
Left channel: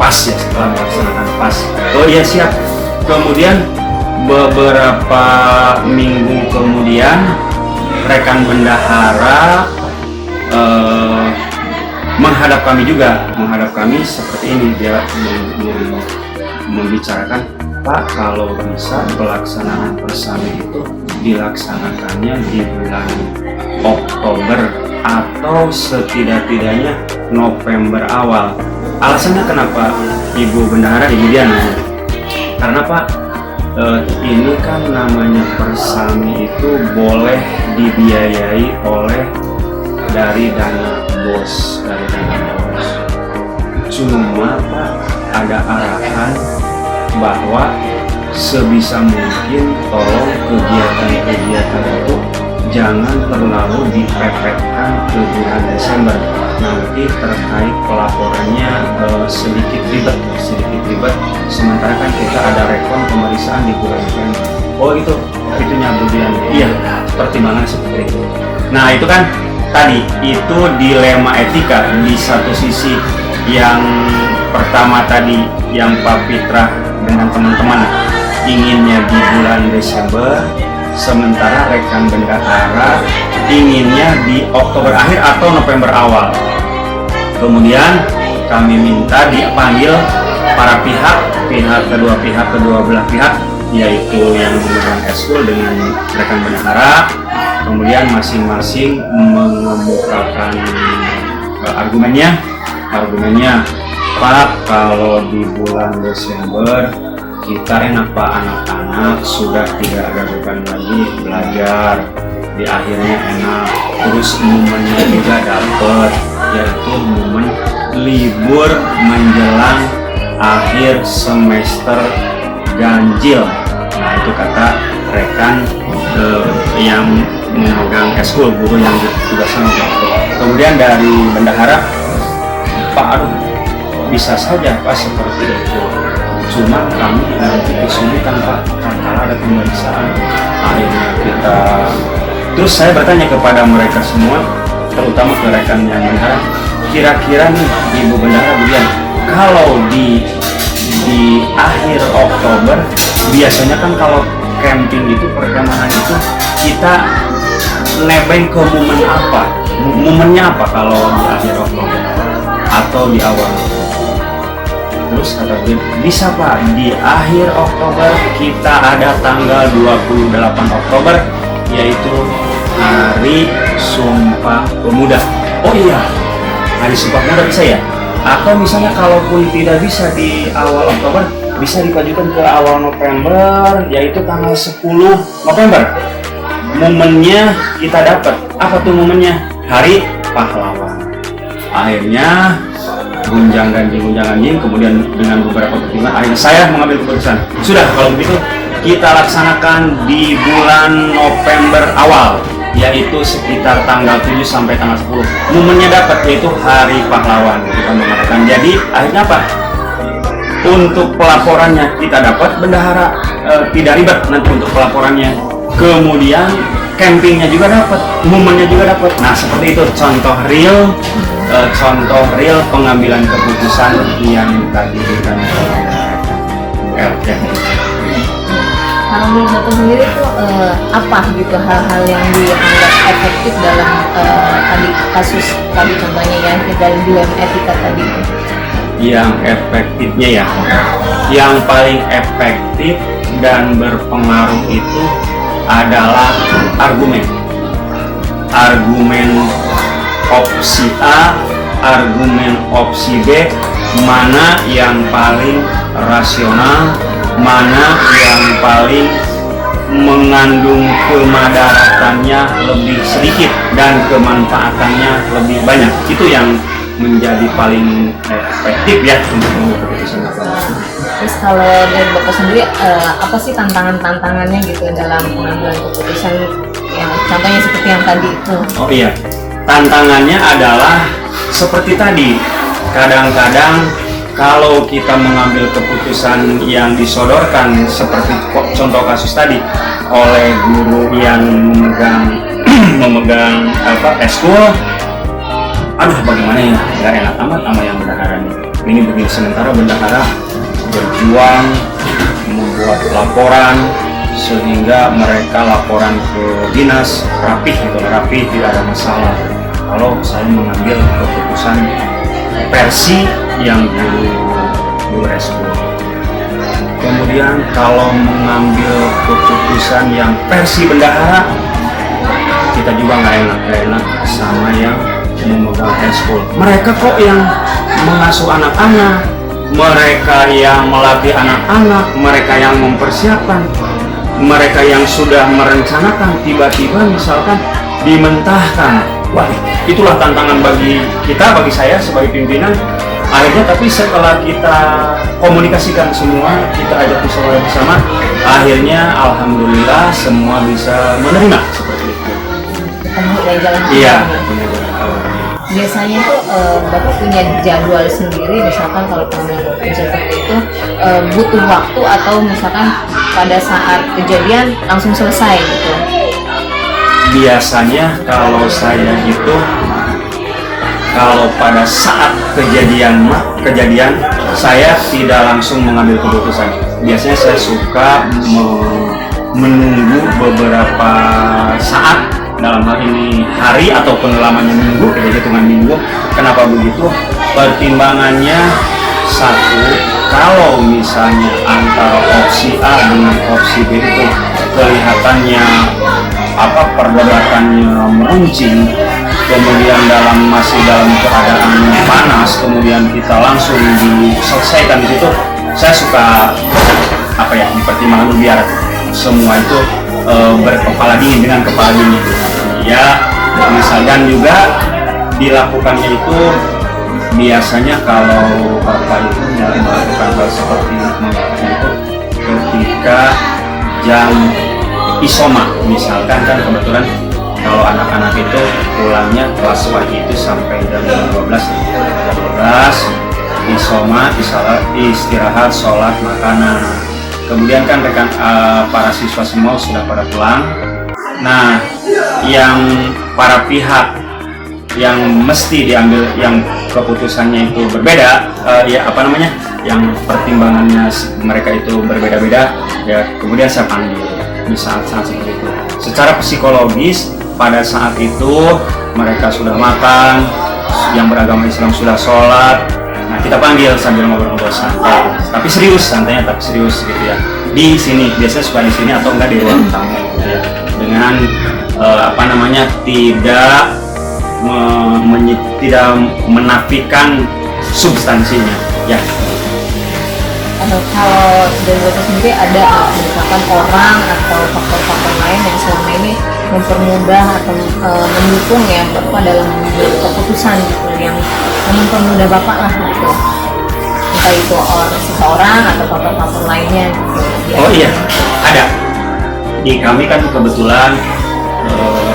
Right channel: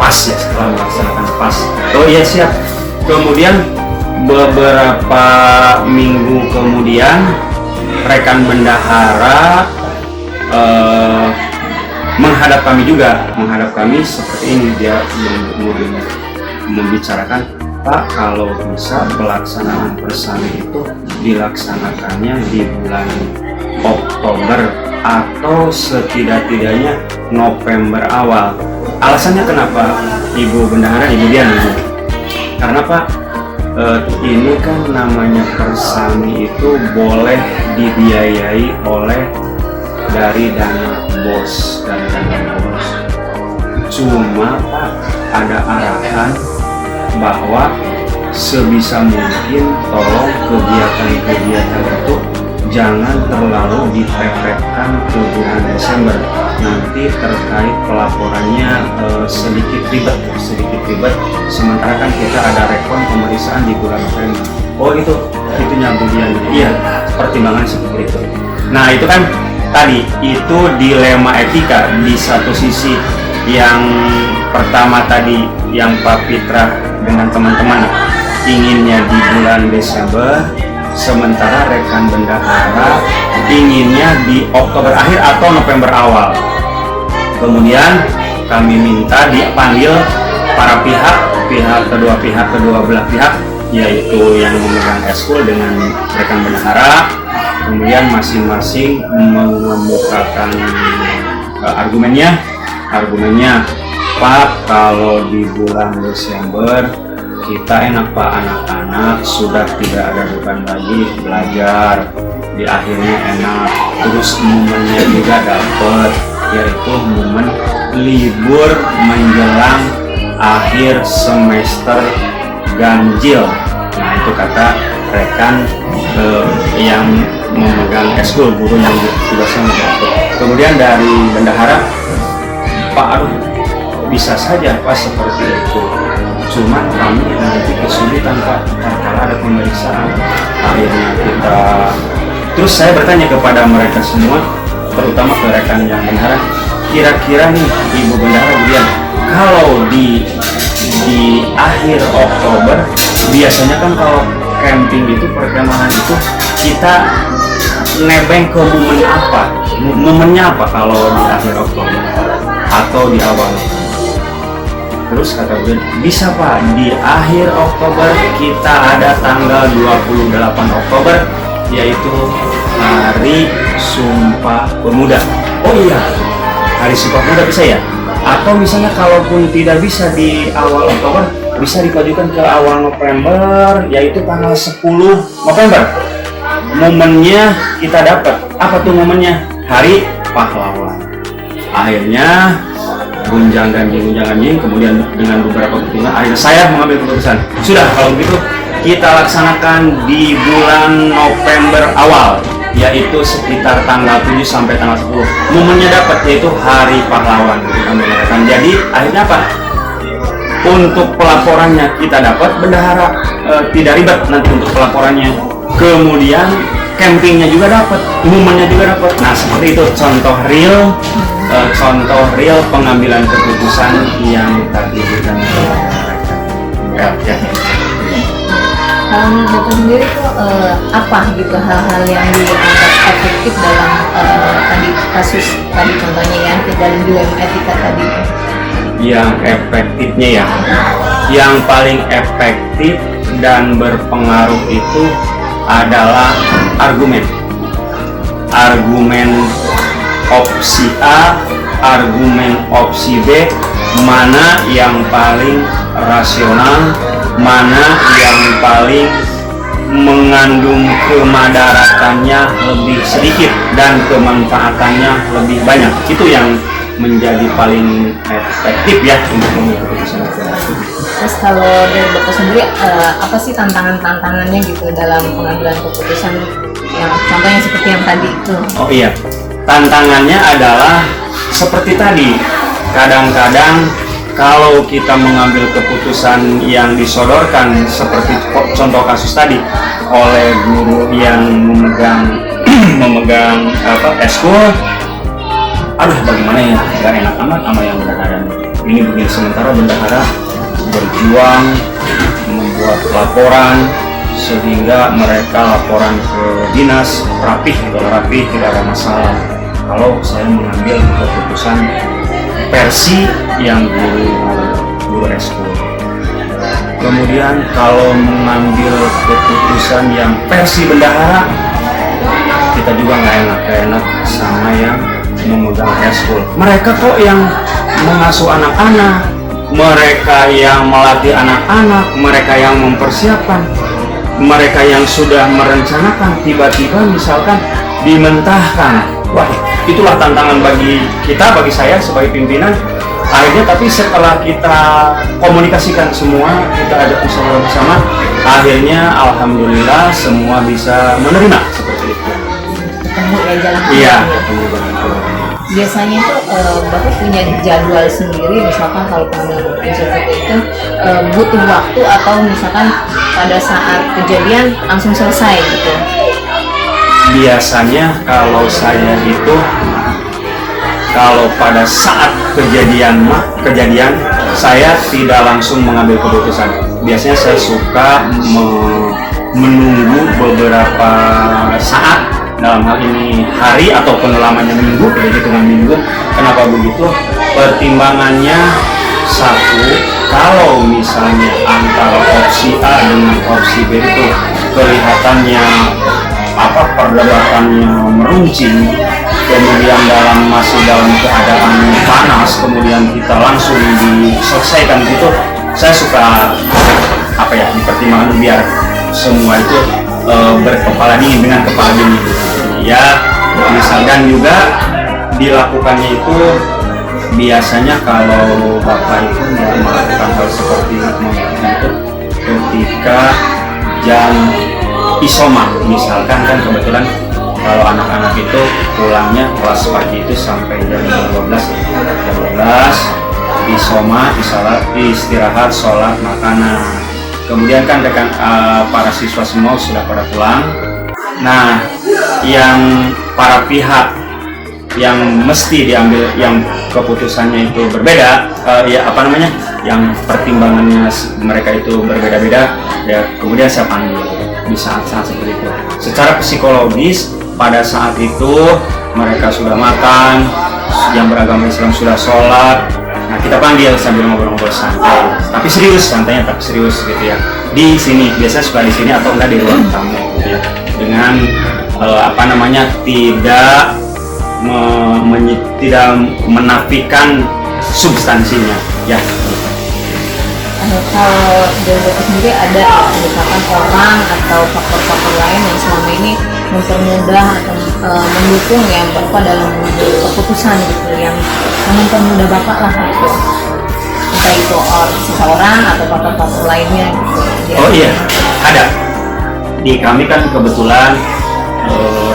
pas ya, setelah melaksanakan pas. Oh iya siap. Kemudian beberapa minggu kemudian rekan bendahara menghadap kami seperti ini, dia membicarakan, Pak, kalau bisa pelaksanaan persami itu dilaksanakannya di bulan Oktober atau setidak-tidaknya November awal. Alasannya kenapa Ibu Bendahara, Ibu Dian? Karena Pak, ini kan namanya persami itu boleh dibiayai oleh dari dana BOS, Cuma Pak, ada arahan bahwa sebisa mungkin tolong kegiatan itu jangan terlalu dipepetkan ke bulan Desember. Nanti terkait pelaporannya sedikit ribet. Sementara kan kita ada rekon pemeriksaan di bulan November. Oh itu nyambungin. Iya, pertimbangan seperti itu. Nah itu kan tadi itu dilema etika. Di satu sisi yang pertama tadi yang Pak Fitra dengan teman-teman inginnya di bulan Desember, sementara rekan bendahara inginnya di Oktober akhir atau November awal. Kemudian kami minta dipanggil para kedua belah pihak, yaitu yang memegang eskul dengan rekan bendahara. Kemudian masing-masing mengemukakan argumennya, Pak, kalau di bulan Desember kita enak Pak, anak-anak sudah tidak ada beban lagi belajar, di akhirnya enak, terus momennya juga dapat, yaitu momen libur menjelang akhir semester ganjil. Nah itu kata rekan yang memegang eskul, guru yang tugasnya mengatur. Kemudian dari bendahara, Pak, aduh bisa saja Pak seperti itu, cuma kami nanti kesulitan Pak kalau ada pemeriksaan. Akhirnya kita, terus saya bertanya kepada mereka semua, terutama ke rekan yang bendahara, kira-kira nih Ibu Bendahara Budian, kalau di akhir Oktober biasanya kan kalau camping itu, perkemahan itu, kita nebeng ke momen apa? Momennya apa kalau di akhir Oktober atau di awal Oktober? Terus kata Budian, bisa Pak, di akhir Oktober kita ada tanggal 28 Oktober, yaitu Hari Sumpah Pemuda. Oh iya, Hari Sumpah Pemuda bisa ya? Atau misalnya kalaupun tidak bisa di awal Oktober, bisa dipajukan ke awal November, yaitu tanggal 10 November. Momennya kita dapat. Apa tuh momennya? Hari Pahlawan. Akhirnya gunjang ganjing, kemudian dengan beberapa pertimbangan, akhirnya saya mengambil keputusan. Sudah, kalau begitu kita laksanakan di bulan November awal, yaitu sekitar tanggal 7 sampai tanggal 10. Momennya dapat, yaitu Hari Pahlawan kita mengadakan. Jadi akhirnya apa? Untuk pelaporannya kita dapat, bendahara tidak ribet nanti untuk pelaporannya. kemudian campingnya juga dapat, momennya juga dapat. Nah seperti itu contoh real pengambilan keputusan yang tadi kita Kalau menurut Bapak sendiri tuh apa gitu hal-hal yang dianggap efektif dalam tadi kasus tadi contohnya yang dalam dugaan etika tadi? Yang efektifnya ya, yang paling efektif dan berpengaruh itu adalah argumen opsi A, argumen opsi B, mana yang paling rasional, mana yang paling mengandung kemadaratannya lebih sedikit dan kemanfaatannya lebih banyak. Itu yang menjadi paling efektif ya untuk mengambil keputusan. Terus kalau dari Bapak sendiri apa sih tantangannya gitu dalam pengambilan keputusan ya, contohnya seperti yang tadi itu? Oh iya, tantangannya adalah seperti tadi, kadang-kadang kalau kita mengambil keputusan yang disodorkan seperti contoh kasus tadi oleh guru yang memegang eskul, aduh bagaimana ya, nggak enak amat sama yang bendahara ini begini, sementara bendahara berjuang membuat laporan sehingga mereka laporan ke dinas rapih tidak ada masalah. Kalau saya mengambil keputusan versi yang guru eskul, kemudian kalau mengambil keputusan yang versi bendahara, kita juga nggak enak sama yang memegang eskul. Mereka kok yang mengasuh anak-anak, mereka yang melatih anak-anak, mereka yang mempersiapkan, mereka yang sudah merencanakan, tiba-tiba misalkan dimentahkan. Wah, itulah tantangan bagi saya sebagai pimpinan. Akhirnya tapi setelah kita komunikasikan semua, kita ajak musyawarah bersama, akhirnya alhamdulillah semua bisa menerima seperti itu. Ketemu ya jalan keluar. Iya, ketemu jalan keluar. Biasanya tuh Bapak punya jadwal sendiri, misalkan kalau pengambilan keputusan seperti itu butuh waktu atau misalkan pada saat kejadian langsung selesai gitu? Biasanya kalau saya itu, kalau pada saat kejadian saya tidak langsung mengambil keputusan. Biasanya saya suka menunggu beberapa saat, dalam hal ini hari ataupun lamanya minggu, hitungan minggu. Kenapa begitu? Pertimbangannya satu, kalau misalnya antara opsi A dengan opsi B itu kelihatannya perdebatannya meruncing, kemudian masih dalam keadaan panas, kemudian kita langsung diselesaikan gitu, saya suka dipertimbangkan biar semua itu berkepala dingin, dengan kepala dingin ya. Misalkan juga dilakukannya itu biasanya kalau Bapak itu melakukan hal seperti itu ketika jam isoma, misalkan kan kebetulan kalau anak-anak itu pulangnya kelas pagi itu sampai jam 12 isoma, istirahat, sholat, makanan. Kemudian kan para siswa semua sudah pada pulang. Nah, yang para pihak yang mesti diambil, yang keputusannya itu berbeda, yang pertimbangannya mereka itu berbeda-beda, ya kemudian saya panggil di saat-saat seperti itu. Secara psikologis pada saat itu mereka sudah makan, yang beragama Islam sudah sholat. Nah, kita panggil sambil ngobrol-ngobrol santai, tapi serius, santainya tapi serius gitu ya. Di sini biasanya suka di sini atau enggak di ruang tamu gitu ya. Dengan tidak menafikan substansinya ya. Kalau dari Bapak sendiri ada misalkan orang atau faktor-faktor lain yang selama ini mempermudah atau mendukung yang Bapak dalam mengambil keputusan gitu, yang mempermudah Bapak lah gitu, entah itu seseorang atau faktor-faktor lainnya gitu. Oh iya, ada. Di kami kan kebetulan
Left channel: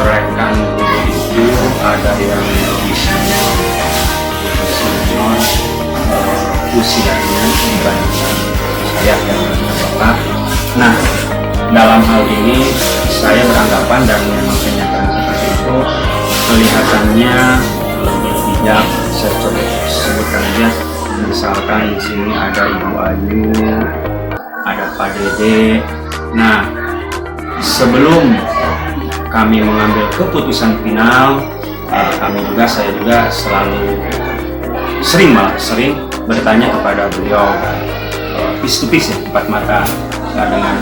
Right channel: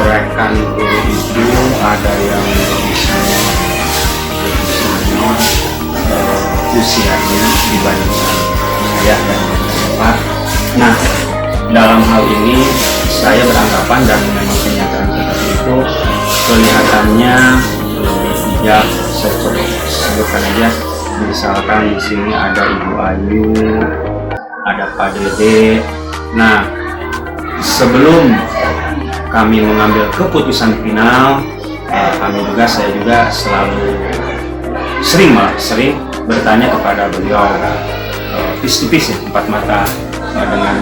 rekan guru itu ada yang lebih senior usianya dibandingkan saya dan Bapak. Nah, dalam hal ini saya beranggapan dan memang kenyataan seperti itu, kelihatannya lebih bijak. Saya coba sebutkan aja, misalkan di sini ada Ibu Ayu, ada Pak Dede. Nah, sebelum kami mengambil keputusan final, saya juga selalu sering bertanya kepada beliau, face to face ya, empat mata, dengan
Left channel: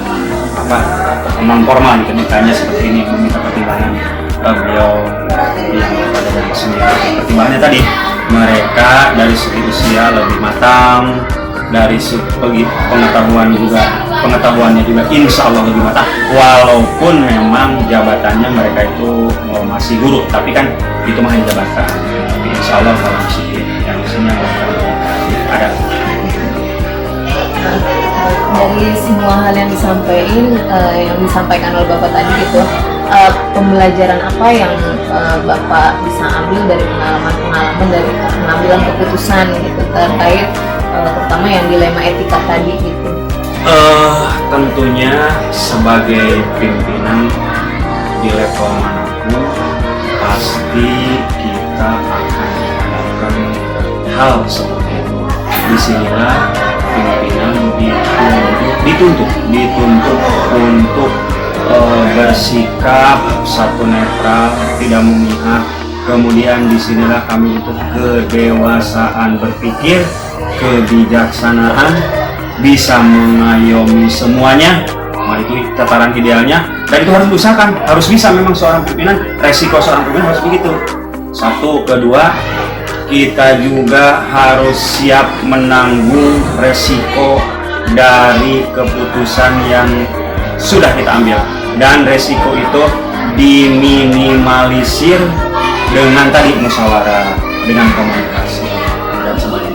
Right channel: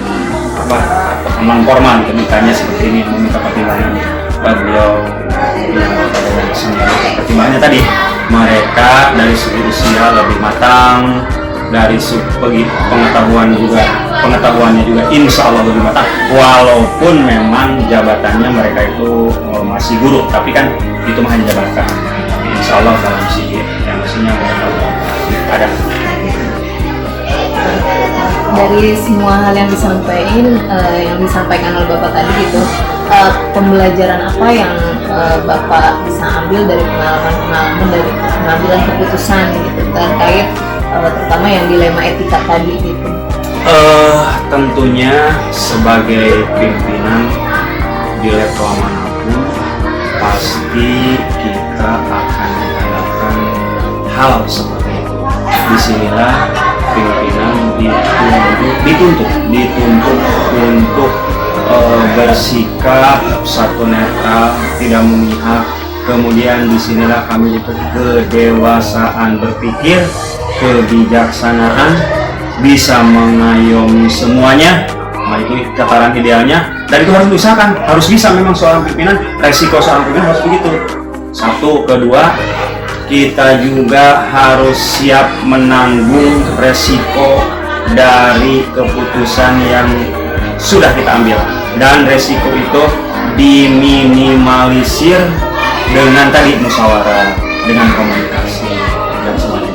non formal gitu, ditanya seperti ini, meminta pertimbangan beliau yang kepada yang seni. Pertimbangannya tadi, mereka dari segi usia lebih matang, dari segi pengetahuannya juga insya Allah lebih matang, walaupun memang jabatannya mereka itu masih guru, tapi kan itu mah hanya jabatan. Tapi insya Allah dalam segi yang maksudnya mereka ada. Dari semua hal yang disampaikan oleh Bapak tadi gitu, pembelajaran apa yang Bapak bisa ambil dari pengalaman dari pengambilan keputusan gitu terkait terutama yang dilema etika tadi gitu? Tentunya sebagai pimpinan di level manapun pasti kita akan dihadapkan hal seperti itu. Disinilah pimpinan dituntut untuk bersikap satu netral, tidak memihak. Kemudian disinilah kami dituntut kedewasaan berpikir, kebijaksanaan, bisa mengayomi semuanya. Nah, itu tataran idealnya, dan itu harus diusahakan, harus bisa memang seorang pimpinan, resiko seorang pimpinan harus begitu. Satu, kedua, kita juga harus siap menanggung resiko dari keputusan yang sudah kita ambil, dan resiko itu diminimalisir dengan tadi musyawarah, dengan komunikasi dan sebagainya.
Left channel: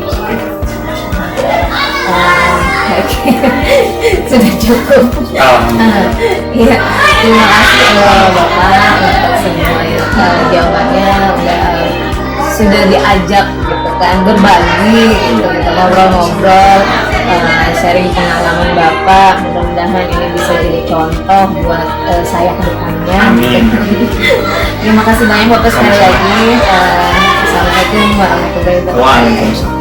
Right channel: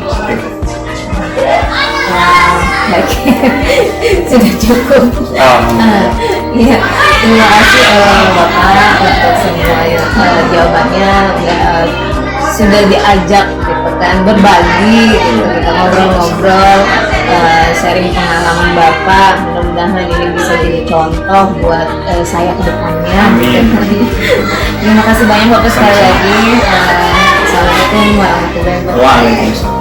Sudah cukup. Iya, terima kasih Bapak untuk semua jawabannya. Sudah diajak gitu kan, berbagi gitu, kita ngobrol-ngobrol, sharing pengalaman Bapak. Mudah-mudahan ini bisa jadi contoh buat saya ke depannya. Amin. Terima kasih banyak Bapak sekali lagi. Assalamualaikum warahmatullahi wabarakatuh. Waalaikumsalam.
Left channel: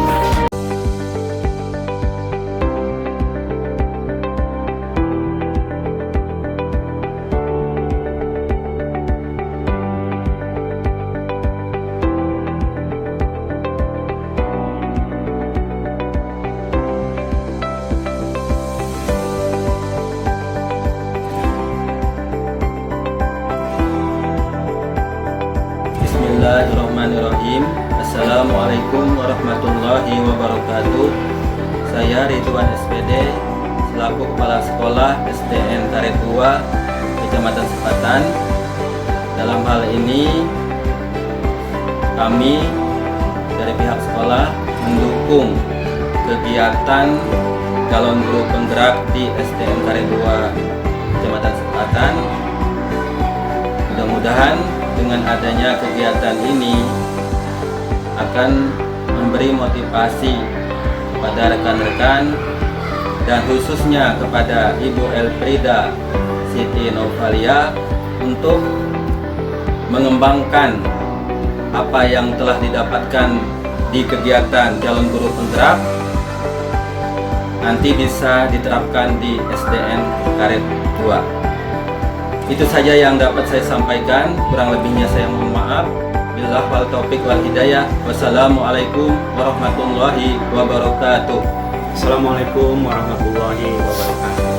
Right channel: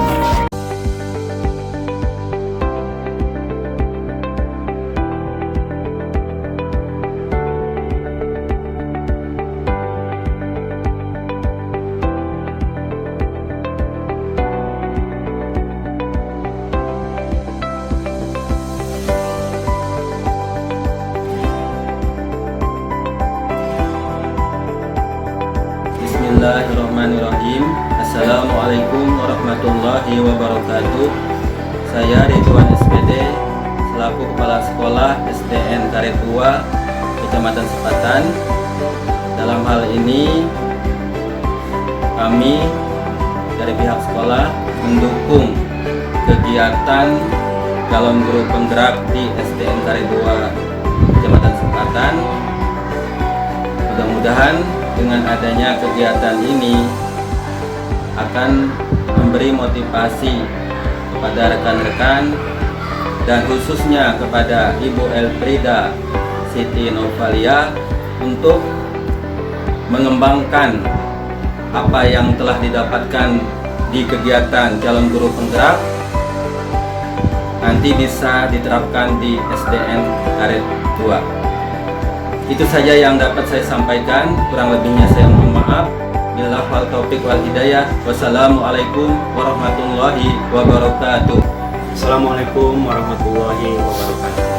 Bismillahirrahmanirrahim. Assalamualaikum warahmatullahi wabarakatuh. Saya Ridwan SPD selaku Kepala Sekolah SDN Karet 2 Kecamatan Sepatan. Dalam hal ini kami dari pihak sekolah mendukung kegiatan calon guru penggerak di SDN Karet 2 Kecamatan Sepatan. Mudah-mudahan dengan adanya kegiatan ini akan memberi motivasi kepada rekan-rekan dan khususnya kepada Ibu Elfrida Siti Novalia untuk mengembangkan apa yang telah didapatkan di kegiatan calon guru penggerak nanti bisa diterapkan di SDN Karet 2. Itu saja yang dapat saya sampaikan, kurang lebihnya saya mohon maaf. Billahi wal taufiq wal hidayah. Wassalamualaikum warahmatullahi wabarakatuh. Assalamualaikum warahmatullahi wabarakatuh.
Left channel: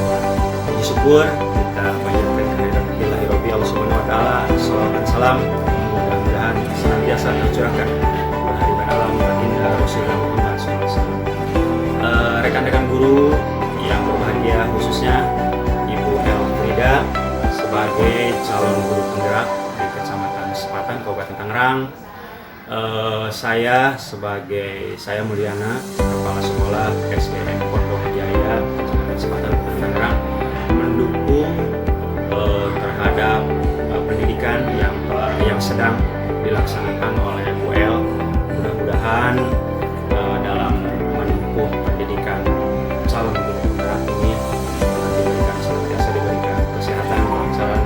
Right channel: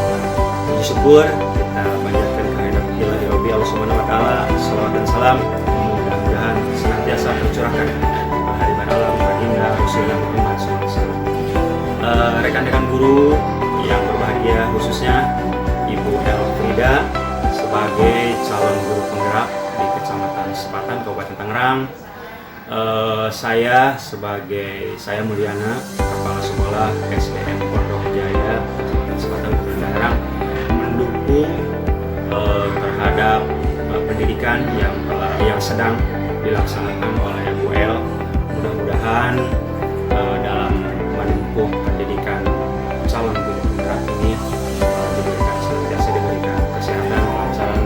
Puji syukur kita panjatkan kehadirat Ilahi Rabbi Allah Subhanahu wa taala. Salawat dan salam mudah-mudahan senantiasa tercurahkan kepada hari alam baginda Rasulullah Muhammad SAW. Rekan-rekan guru yang berbahagia, khususnya Ibu Elfrida sebagai calon guru penggerak di Kecamatan Sepatan, Kabupaten Tangerang. Saya Mulyana, Kepala Sekolah SDN Pondok Jaya, Kecamatan Sepatan, Kabupaten Tangerang, mendukung terhadap pendidikan yang sedang dilaksanakan oleh Bu El. Mudah-mudahan dalam menempuh pendidikan calon guru penggerak ini diberikan kesehatan, kelancaran,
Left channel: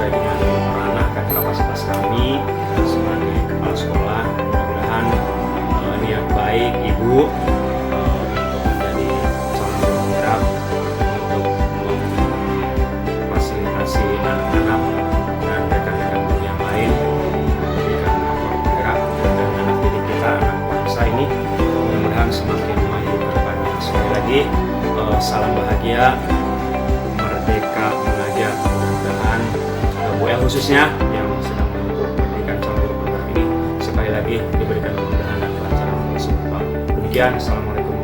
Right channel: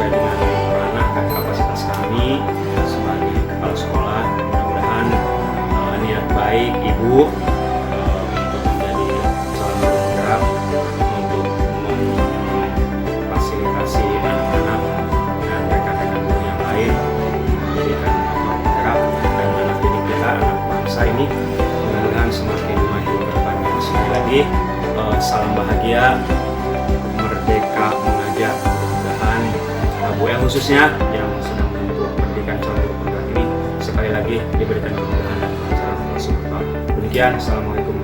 sesuai dengan ranah dan kapasitas kami sebagai kepala sekolah. Mudah-mudahan niat baik Ibu untuk menjadi calon guru penggerak untuk memfasilitasi anak-anak dan rekan-rekan guru yang lain memberikan motor penggerak dan anak didik kita, anak bangsa ini mudah-mudahan semakin maju ke depannya. Sekali lagi salam bahagia, merdeka mengajar. Mudah-mudahan Bu El khususnya yang sedang menempuh pendidikan calon guru penggerak ini sekali lagi diberikan kemudahan dan kelancaran Allah Subhanahu wa Ta'ala. Demikian, assalamualaikum